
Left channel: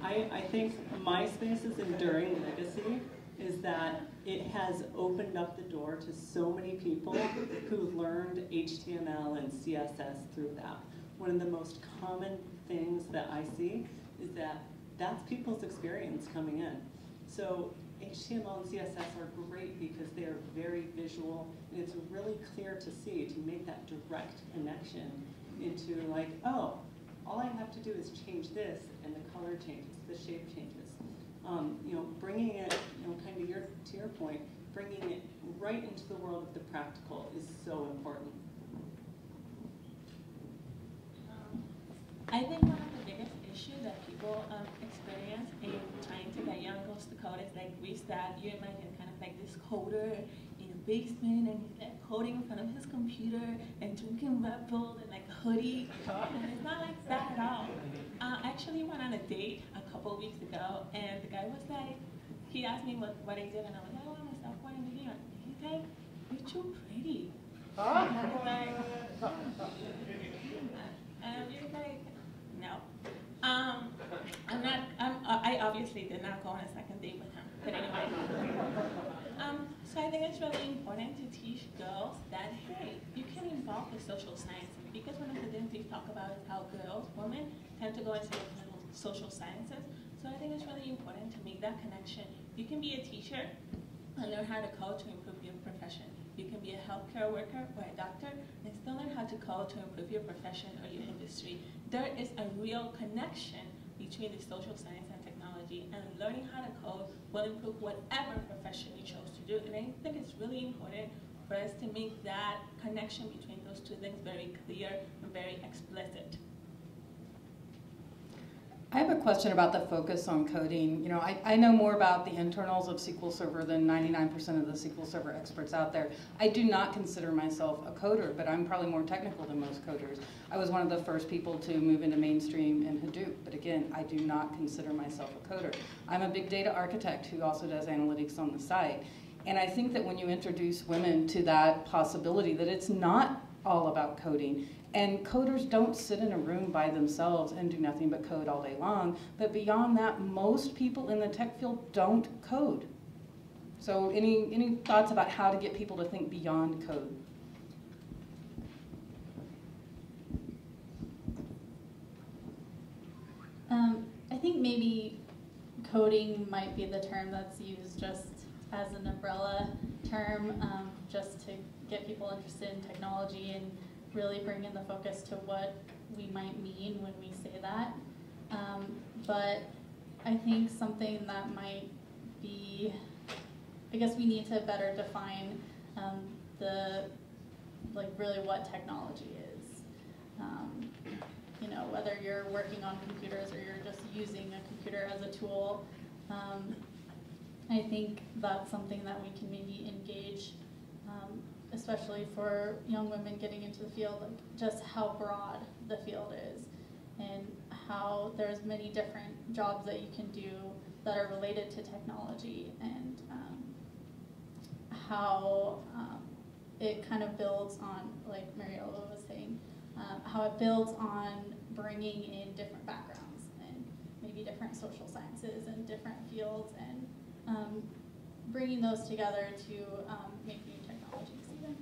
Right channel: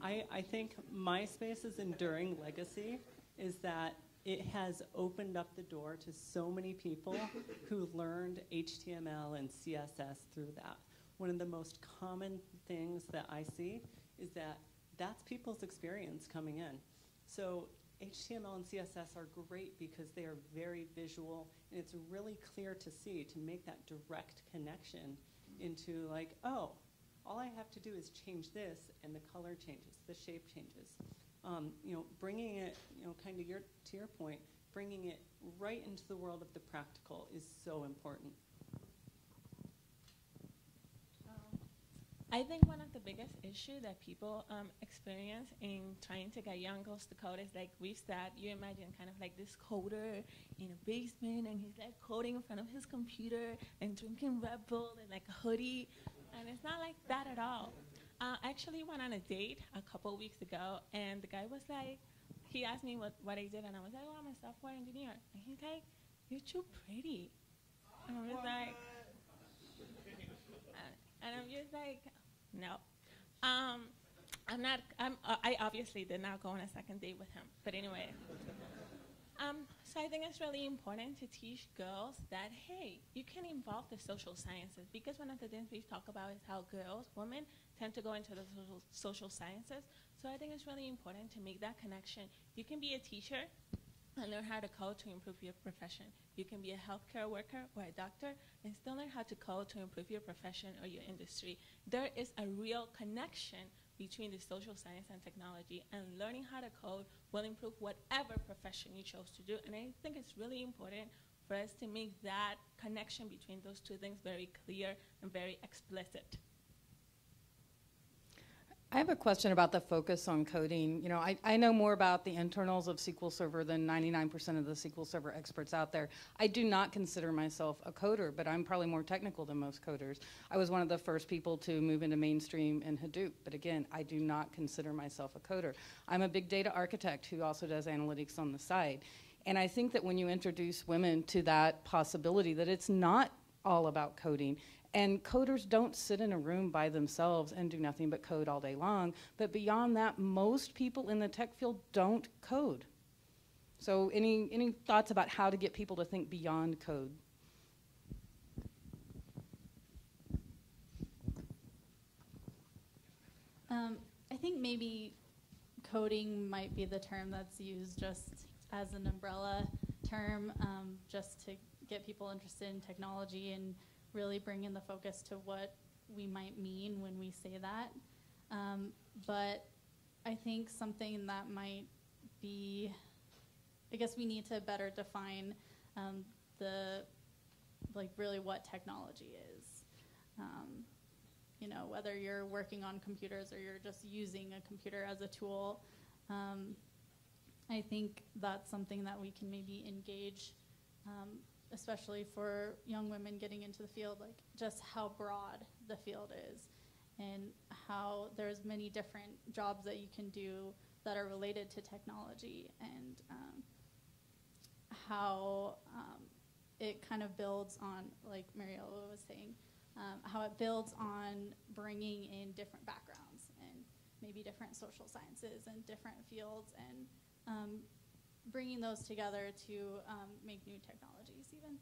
I think MySpace's enduring legacy is that it has opened up the door to so many people who learned HTML and CSS through that. One of the most common things that I see is that that's people's experience coming in. So HTML and CSS are great because they are very visual, and it's really clear to see, to make that direct connection into like, oh, all I have to do is change this, and the color changes, the shape changes. Bringing it, kind of to your point, bringing it right into the world of the practical is so important. I think one of the biggest issues that people experience in trying to get young girls to code is like that you imagine kind of like this coder in a basement, and he's like coding in front of his computer and drinking Red Bull and like a hoodie, and it's not like that at all. I actually went on a date a couple weeks ago, and the guy was like, he asked me what I did, and I was like, oh, I'm a software engineer. And he's like, you're too pretty. And I was like, and I'm just like, no. I obviously did not go on a second date with him, but anyway. So I think it's really important to teach girls that, hey, you can involve the social sciences, because one of the things we talk about is how girls, women, tend to go into the social sciences. So I think it's really important to make that connection. You can be a teacher and learn how to code to improve your profession. You can be a healthcare worker or a doctor and still learn how to code to improve your profession or your industry. There is a real connection between the social science and technology, and learning how to code will improve whatever profession you chose to do. And I think it's really important for us to make that connection between those two things very clear and very explicit. I have a question about the focus on coding. I know more about the internals of SQL Server than 99% of the SQL Server experts out there. I do not consider myself a coder, but I'm probably more technical than most coders. I was one of the first people to move into mainstream in Hadoop, but again, I do not consider myself a coder. I'm a big data architect who also does analytics on the side. And I think that when you introduce women to that possibility, that it's not all about coding. And coders don't sit in a room by themselves and do nothing but code all day long. But beyond that, most people in the tech field don't code. So any thoughts about how to get people to think beyond code? I think maybe coding might be the term that's used just as an umbrella term, just to get people interested in technology and really bring in the focus to what we might mean when we say that. But I think something that might be, I guess we need to better define really what technology is. You know, whether you're working on computers or you're just using a computer as a tool. I think that's something that we can maybe engage, especially for young women getting into the field, like just how broad the field is and how there's many different jobs that you can do that are related to technology, and how it kind of builds on, like Mariella was saying, how it builds on bringing in different backgrounds and maybe different social sciences and different fields, and bringing those together to make new technologies even.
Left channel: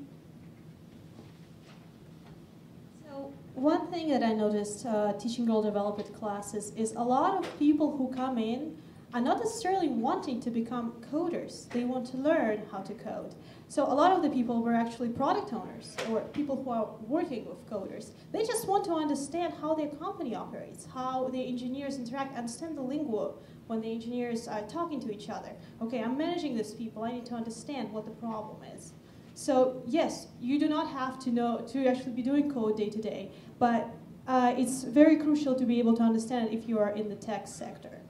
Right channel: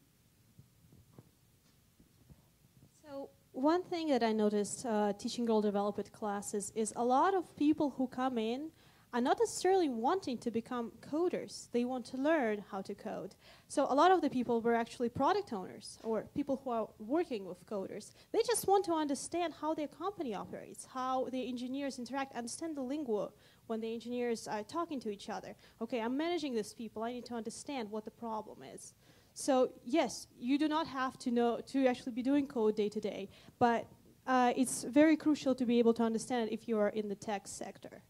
So one thing that I noticed teaching Girl Develop It classes is a lot of people who come in are not necessarily wanting to become coders. They want to learn how to code. So a lot of the people were actually product owners or people who are working with coders. They just want to understand how their company operates, how the engineers interact, understand the lingo when the engineers are talking to each other. Okay, I'm managing these people. I need to understand what the problem is. So yes, you do not have to know to actually be doing code day to day, but it's very crucial to be able to understand it if you are in the tech sector.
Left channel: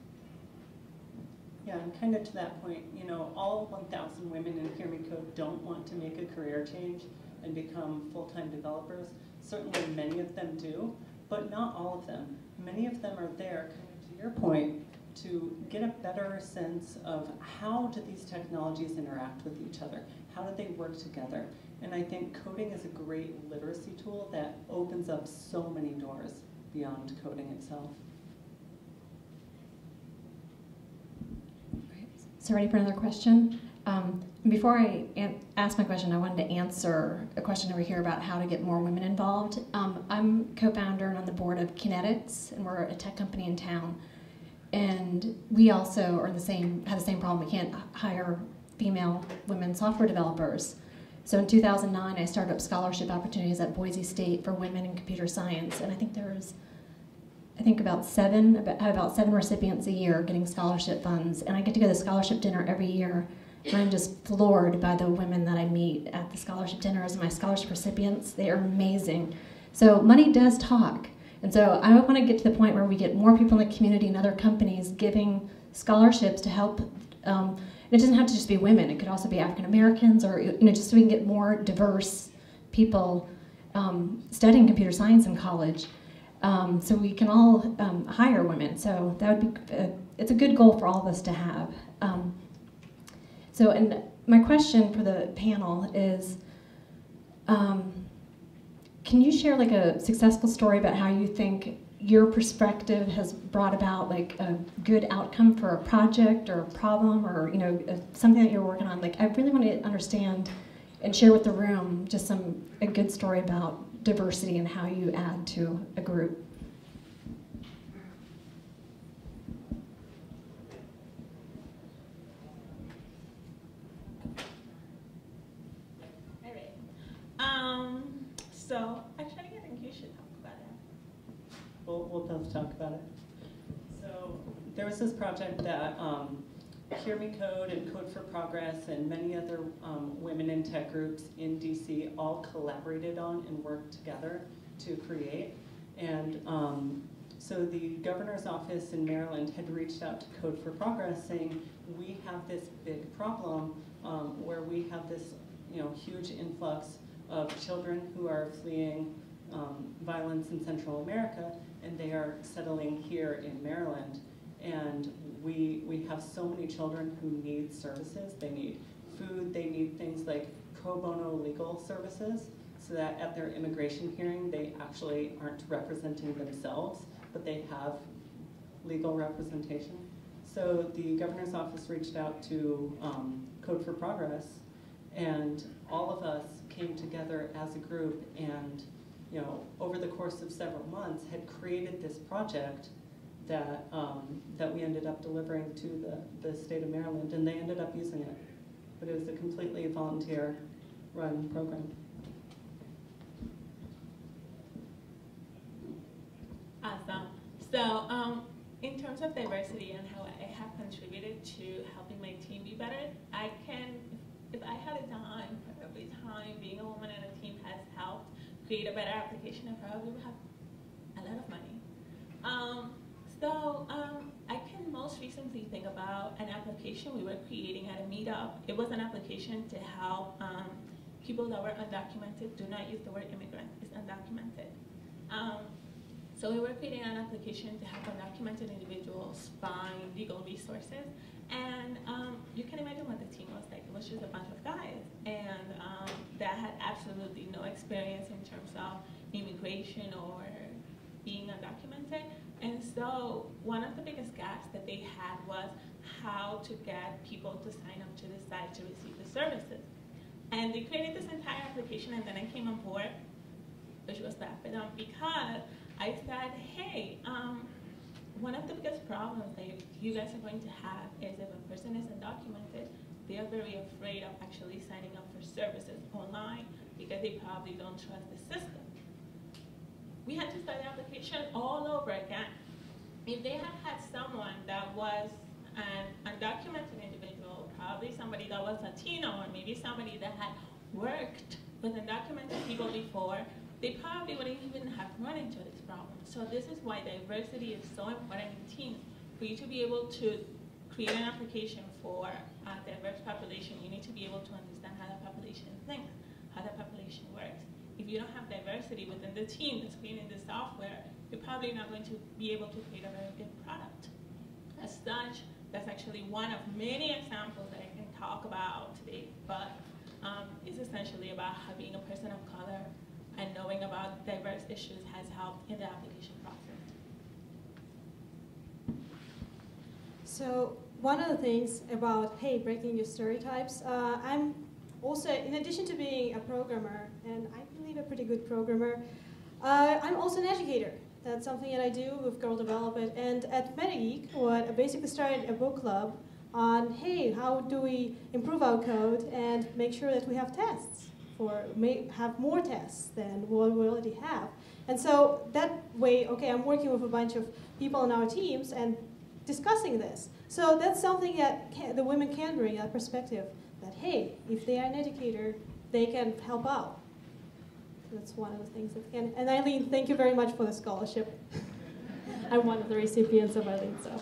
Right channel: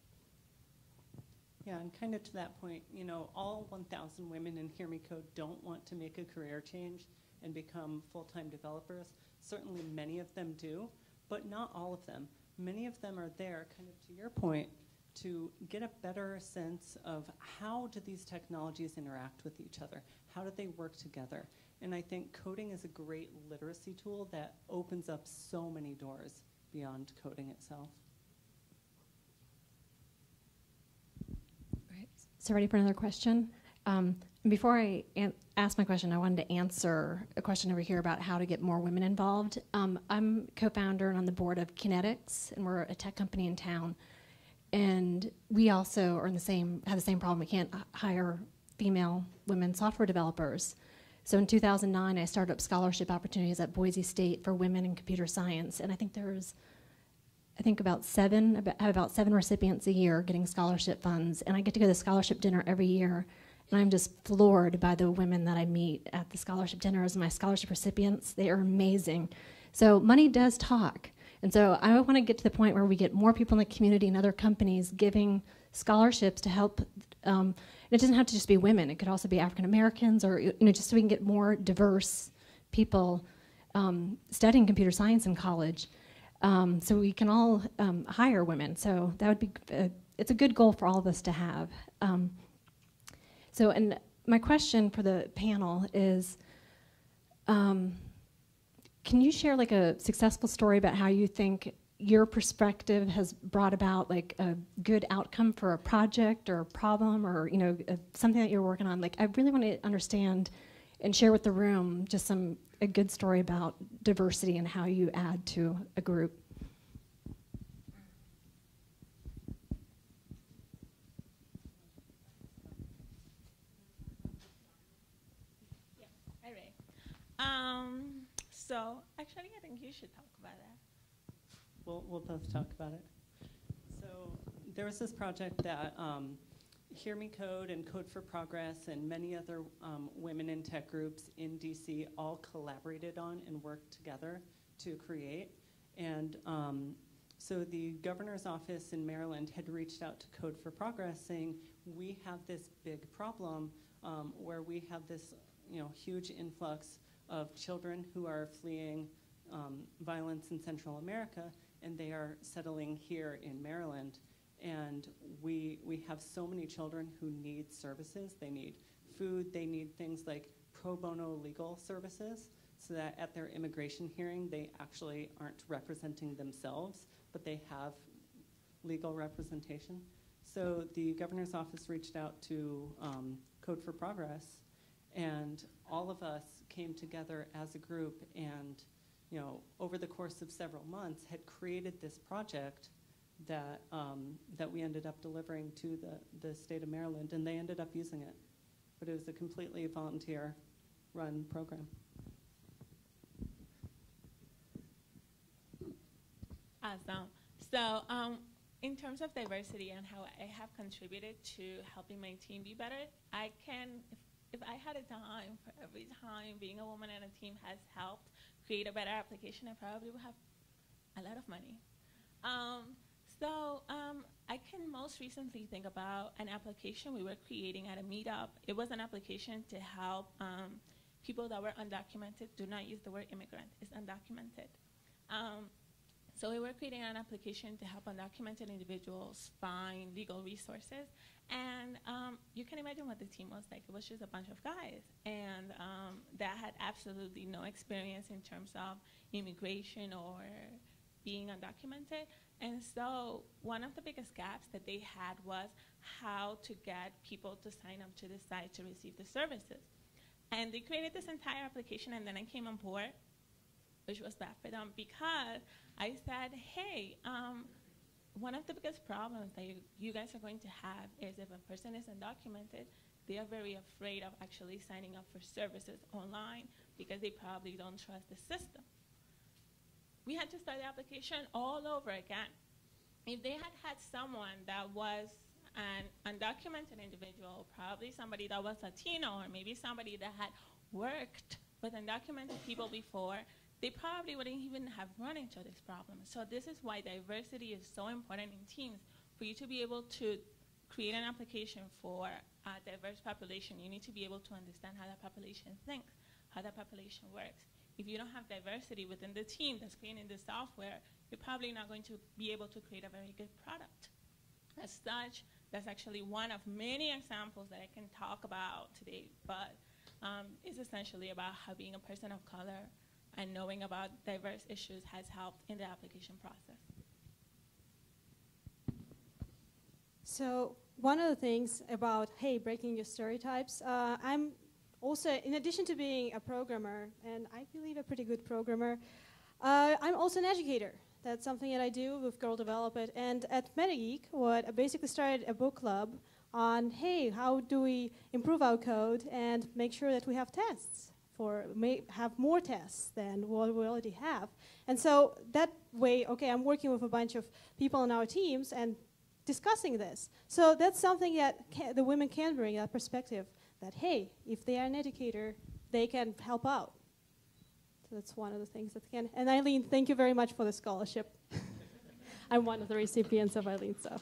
Yeah, and kind of to that point, you know, all 1,000 women in Hear Me Code don't want to make a career change and become full-time developers. Certainly many of them do, but not all of them. Many of them are there, kind of to your point, to get a better sense of how do these technologies interact with each other? How do they work together? And I think coding is a great literacy tool that opens up so many doors beyond coding itself. So ready for another question? Before I ask my question, I wanted to answer a question over here about how to get more women involved. I'm co-founder and on the board of Kinetics, and we're a tech company in town. And we also are have the same problem. We can't hire female women software developers. So in 2009, I started up scholarship opportunities at Boise State for women in computer science, and I think there's about seven recipients a year getting scholarship funds, and I get to go to the scholarship dinner every year, and I'm just floored by the women that I meet at the scholarship dinners and my scholarship recipients. They are amazing. So money does talk, and so I want to get to the point where we get more people in the community and other companies giving scholarships to help. It doesn't have to just be women. It could also be African Americans, or just so we can get more diverse people studying computer science in college. So we can all hire women. So that would be, it's a good goal for all of us to have. And my question for the panel is, can you share like a successful story about how you think your perspective has brought about like a good outcome for a project or a problem, or something that you're working on? Like, I really want to understand and share with the room just a good story about diversity and how you add to a group. All right. So actually, I think you should talk about that. We'll both talk about it. So there was this project that Hear Me Code and Code for Progress and many other women in tech groups in DC all collaborated on and worked together to create. And so the governor's office in Maryland had reached out to Code for Progress saying, we have this big problem where we have this huge influx of children who are fleeing violence in Central America, and they are settling here in Maryland. And we have so many children who need services. They need food, they need things like pro bono legal services, so that at their immigration hearing, they actually aren't representing themselves, but they have legal representation. So the governor's office reached out to Code for Progress, and all of us came together as a group and over the course of several months had created this project that we ended up delivering to the state of Maryland, and they ended up using it. But it was a completely volunteer-run program. Awesome. So, in terms of diversity and how I have contributed to helping my team be better, I can, if I had a dime for every time being a woman in a team has helped create a better application, I probably would have a lot of money. I can most recently think about an application we were creating at a meetup. It was an application to help people that were undocumented. Do not use the word immigrant, it's undocumented. So we were creating an application to help undocumented individuals find legal resources. And you can imagine what the team was like. It was just a bunch of guys. And that had absolutely no experience in terms of immigration or being undocumented. And so one of the biggest gaps that they had was how to get people to sign up to the site to receive the services. And they created this entire application, and then I came on board, which was bad for them, because I said, hey, one of the biggest problems that you guys are going to have is if a person is undocumented, they are very afraid of actually signing up for services online because they probably don't trust the system. We had to start the application all over again. If they had had someone that was an undocumented individual, probably somebody that was Latino, or maybe somebody that had worked with undocumented people before, they probably wouldn't even have run into this problem. So this is why diversity is so important in teams. For you to be able to create an application for a diverse population, you need to be able to understand how that population thinks, how that population works. If you don't have diversity within the team that's creating the software, you're probably not going to be able to create a very good product. As such, that's actually one of many examples that I can talk about today, but it's essentially about how being a person of color and knowing about diverse issues has helped in the application process. So one of the things about, hey, breaking your stereotypes, I'm also, in addition to being a programmer, and I believe a pretty good programmer, I'm also an educator. That's something that I do with Girl Develop It. And at MetaGeek, I basically started a book club on, hey, how do we improve our code and make sure that we have tests, have more tests than what we already have. And so that way, okay, I'm working with a bunch of people on our teams and discussing this. So that's something that the women can bring, that perspective, that, hey, if they are an educator, they can help out. So that's one of the things that can. And Eileen, thank you very much for the scholarship. I'm one of the recipients of Eileen, so.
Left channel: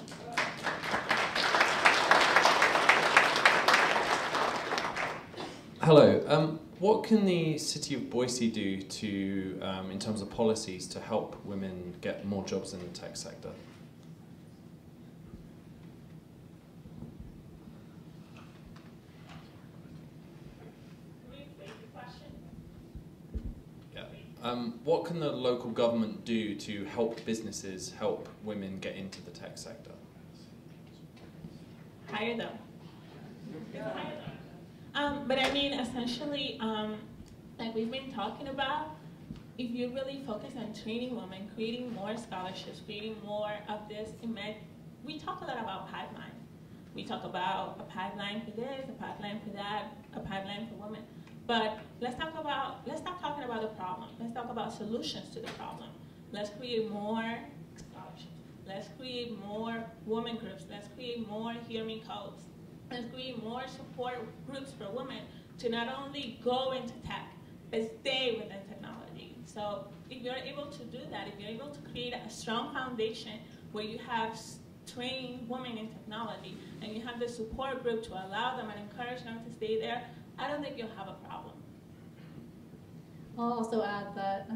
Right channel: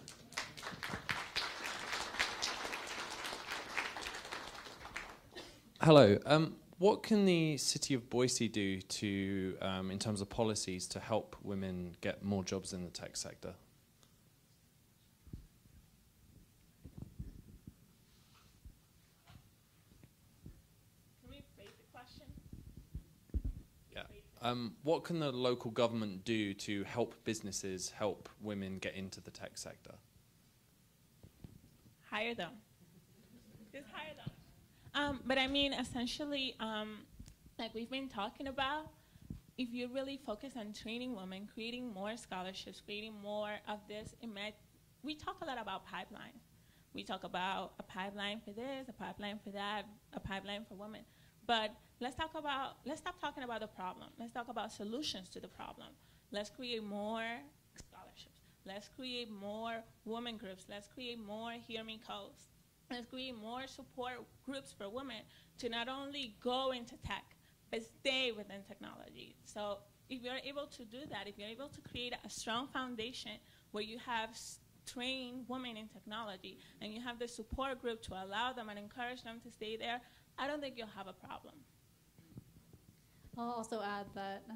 Hello. What can the city of Boise do to, in terms of policies, to help women get more jobs in the tech sector? What can the local government do to help businesses help women get into the tech sector? Hire them. Just hire them. But I mean, essentially, like we've been talking about, if you really focus on training women, creating more scholarships, creating more of this, we talk a lot about pipeline. We talk about a pipeline for this, a pipeline for that, a pipeline for women. But let's stop talking about the problem. Let's talk about solutions to the problem. Let's create more scholarships. Let's create more women groups. Let's create more Hear Me codes. Let's create more support groups for women to not only go into tech, but stay within technology. So if you're able to do that, if you're able to create a strong foundation where you have trained women in technology and you have the support group to allow them and encourage them to stay there, I don't think you'll have a problem. I'll also add that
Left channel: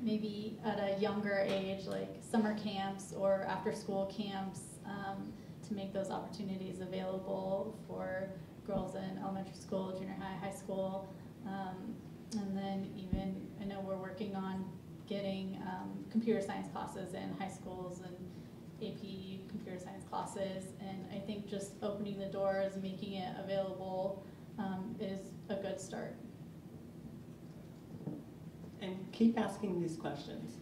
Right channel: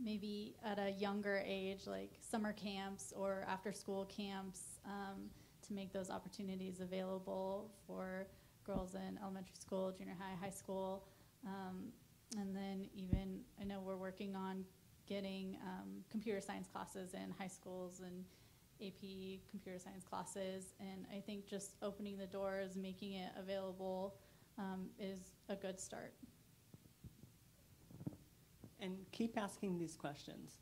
maybe at a younger age, like summer camps or after-school camps, to make those opportunities available for girls in elementary school, junior high, high school, and then even, I know we're working on getting computer science classes in high schools and AP computer science classes, and I think just opening the doors, making it available is a good start. And keep asking these questions.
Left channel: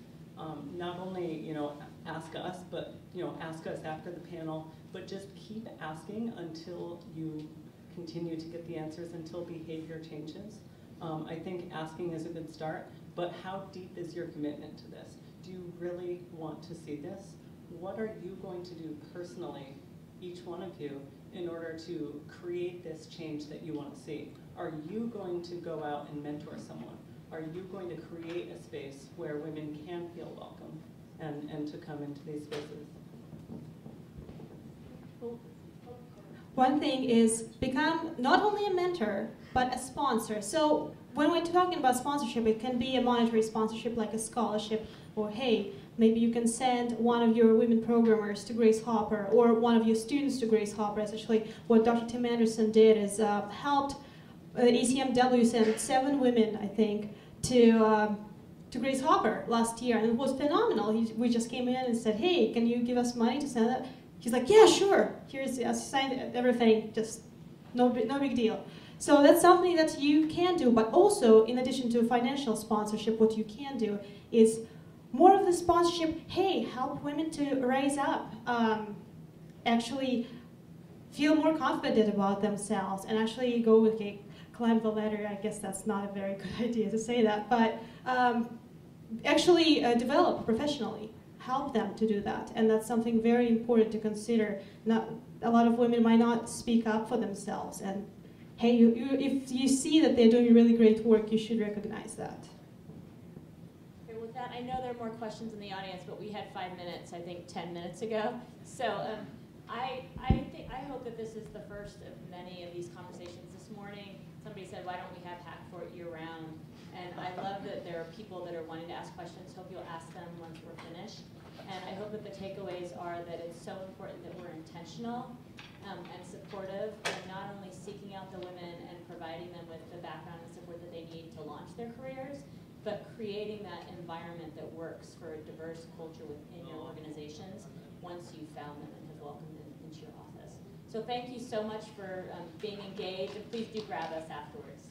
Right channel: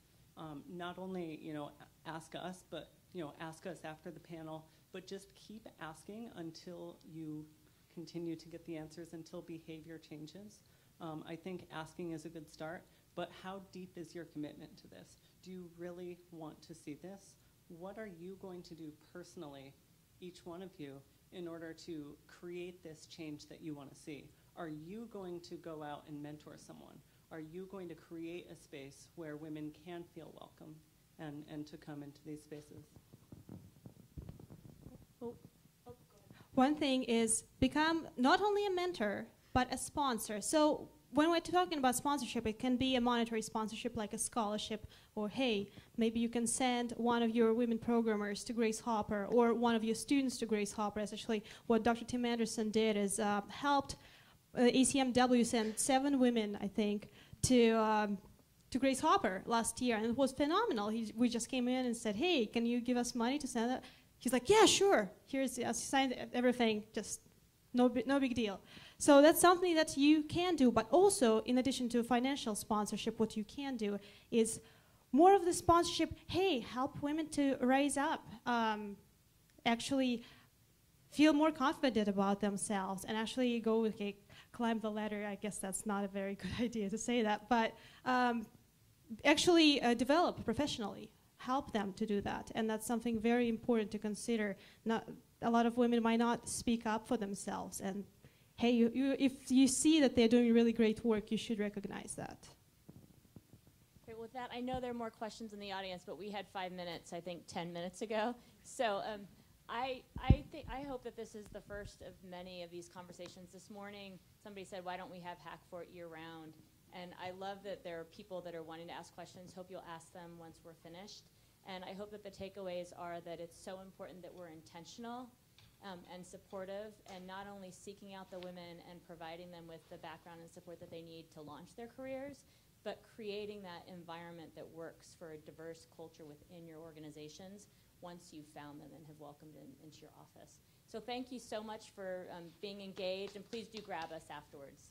not only, you know, ask us, but, you know, ask us after the panel, but just keep asking until you continue to get the answers, until behavior changes. I think asking is a good start, but how deep is your commitment to this? Do you really want to see this? What are you going to do personally, each one of you, in order to create this change that you want to see? Are you going to go out and mentor someone? Are you going to create a space where women can feel welcome and to come into these spaces? One thing is become not only a mentor, but a sponsor. So when we're talking about sponsorship, it can be a monetary sponsorship like a scholarship, or hey, maybe you can send one of your women programmers to Grace Hopper, or one of your students to Grace Hopper. Essentially, what Dr. Tim Anderson did is helped ECMW send 7 women, I think, to Grace Hopper last year, and it was phenomenal. We just came in and said, hey, can you give us money to send that? He's like, yeah, sure. Here's, I signed everything, just no big deal. So that's something that you can do, but also, in addition to financial sponsorship, what you can do is more of the sponsorship, hey, help women to rise up, actually feel more confident about themselves, and actually go, okay, climb the ladder. I guess that's not a very good idea to say that, but actually develop professionally. Help them to do that, and that's something very important to consider. A lot of women might not speak up for themselves, and hey, if you see that they're doing really great work, you should recognize that. Okay, with that, I know there are more questions in the audience, but we had 5 minutes, I think 10 minutes ago. So I hope that this is the first of many of these conversations. This morning, somebody said, why don't we have Hackfort year-round? And I love that there are people that are wanting to ask questions. Hope you'll ask them once we're finished. And I hope that the takeaways are that it's so important that we're intentional and supportive, and not only seeking out the women and providing them with the background and support that they need to launch their careers, but creating that environment that works for a diverse culture within your organizations once you've found them and have welcomed them into your office. So thank you so much for being engaged, and please do grab us afterwards.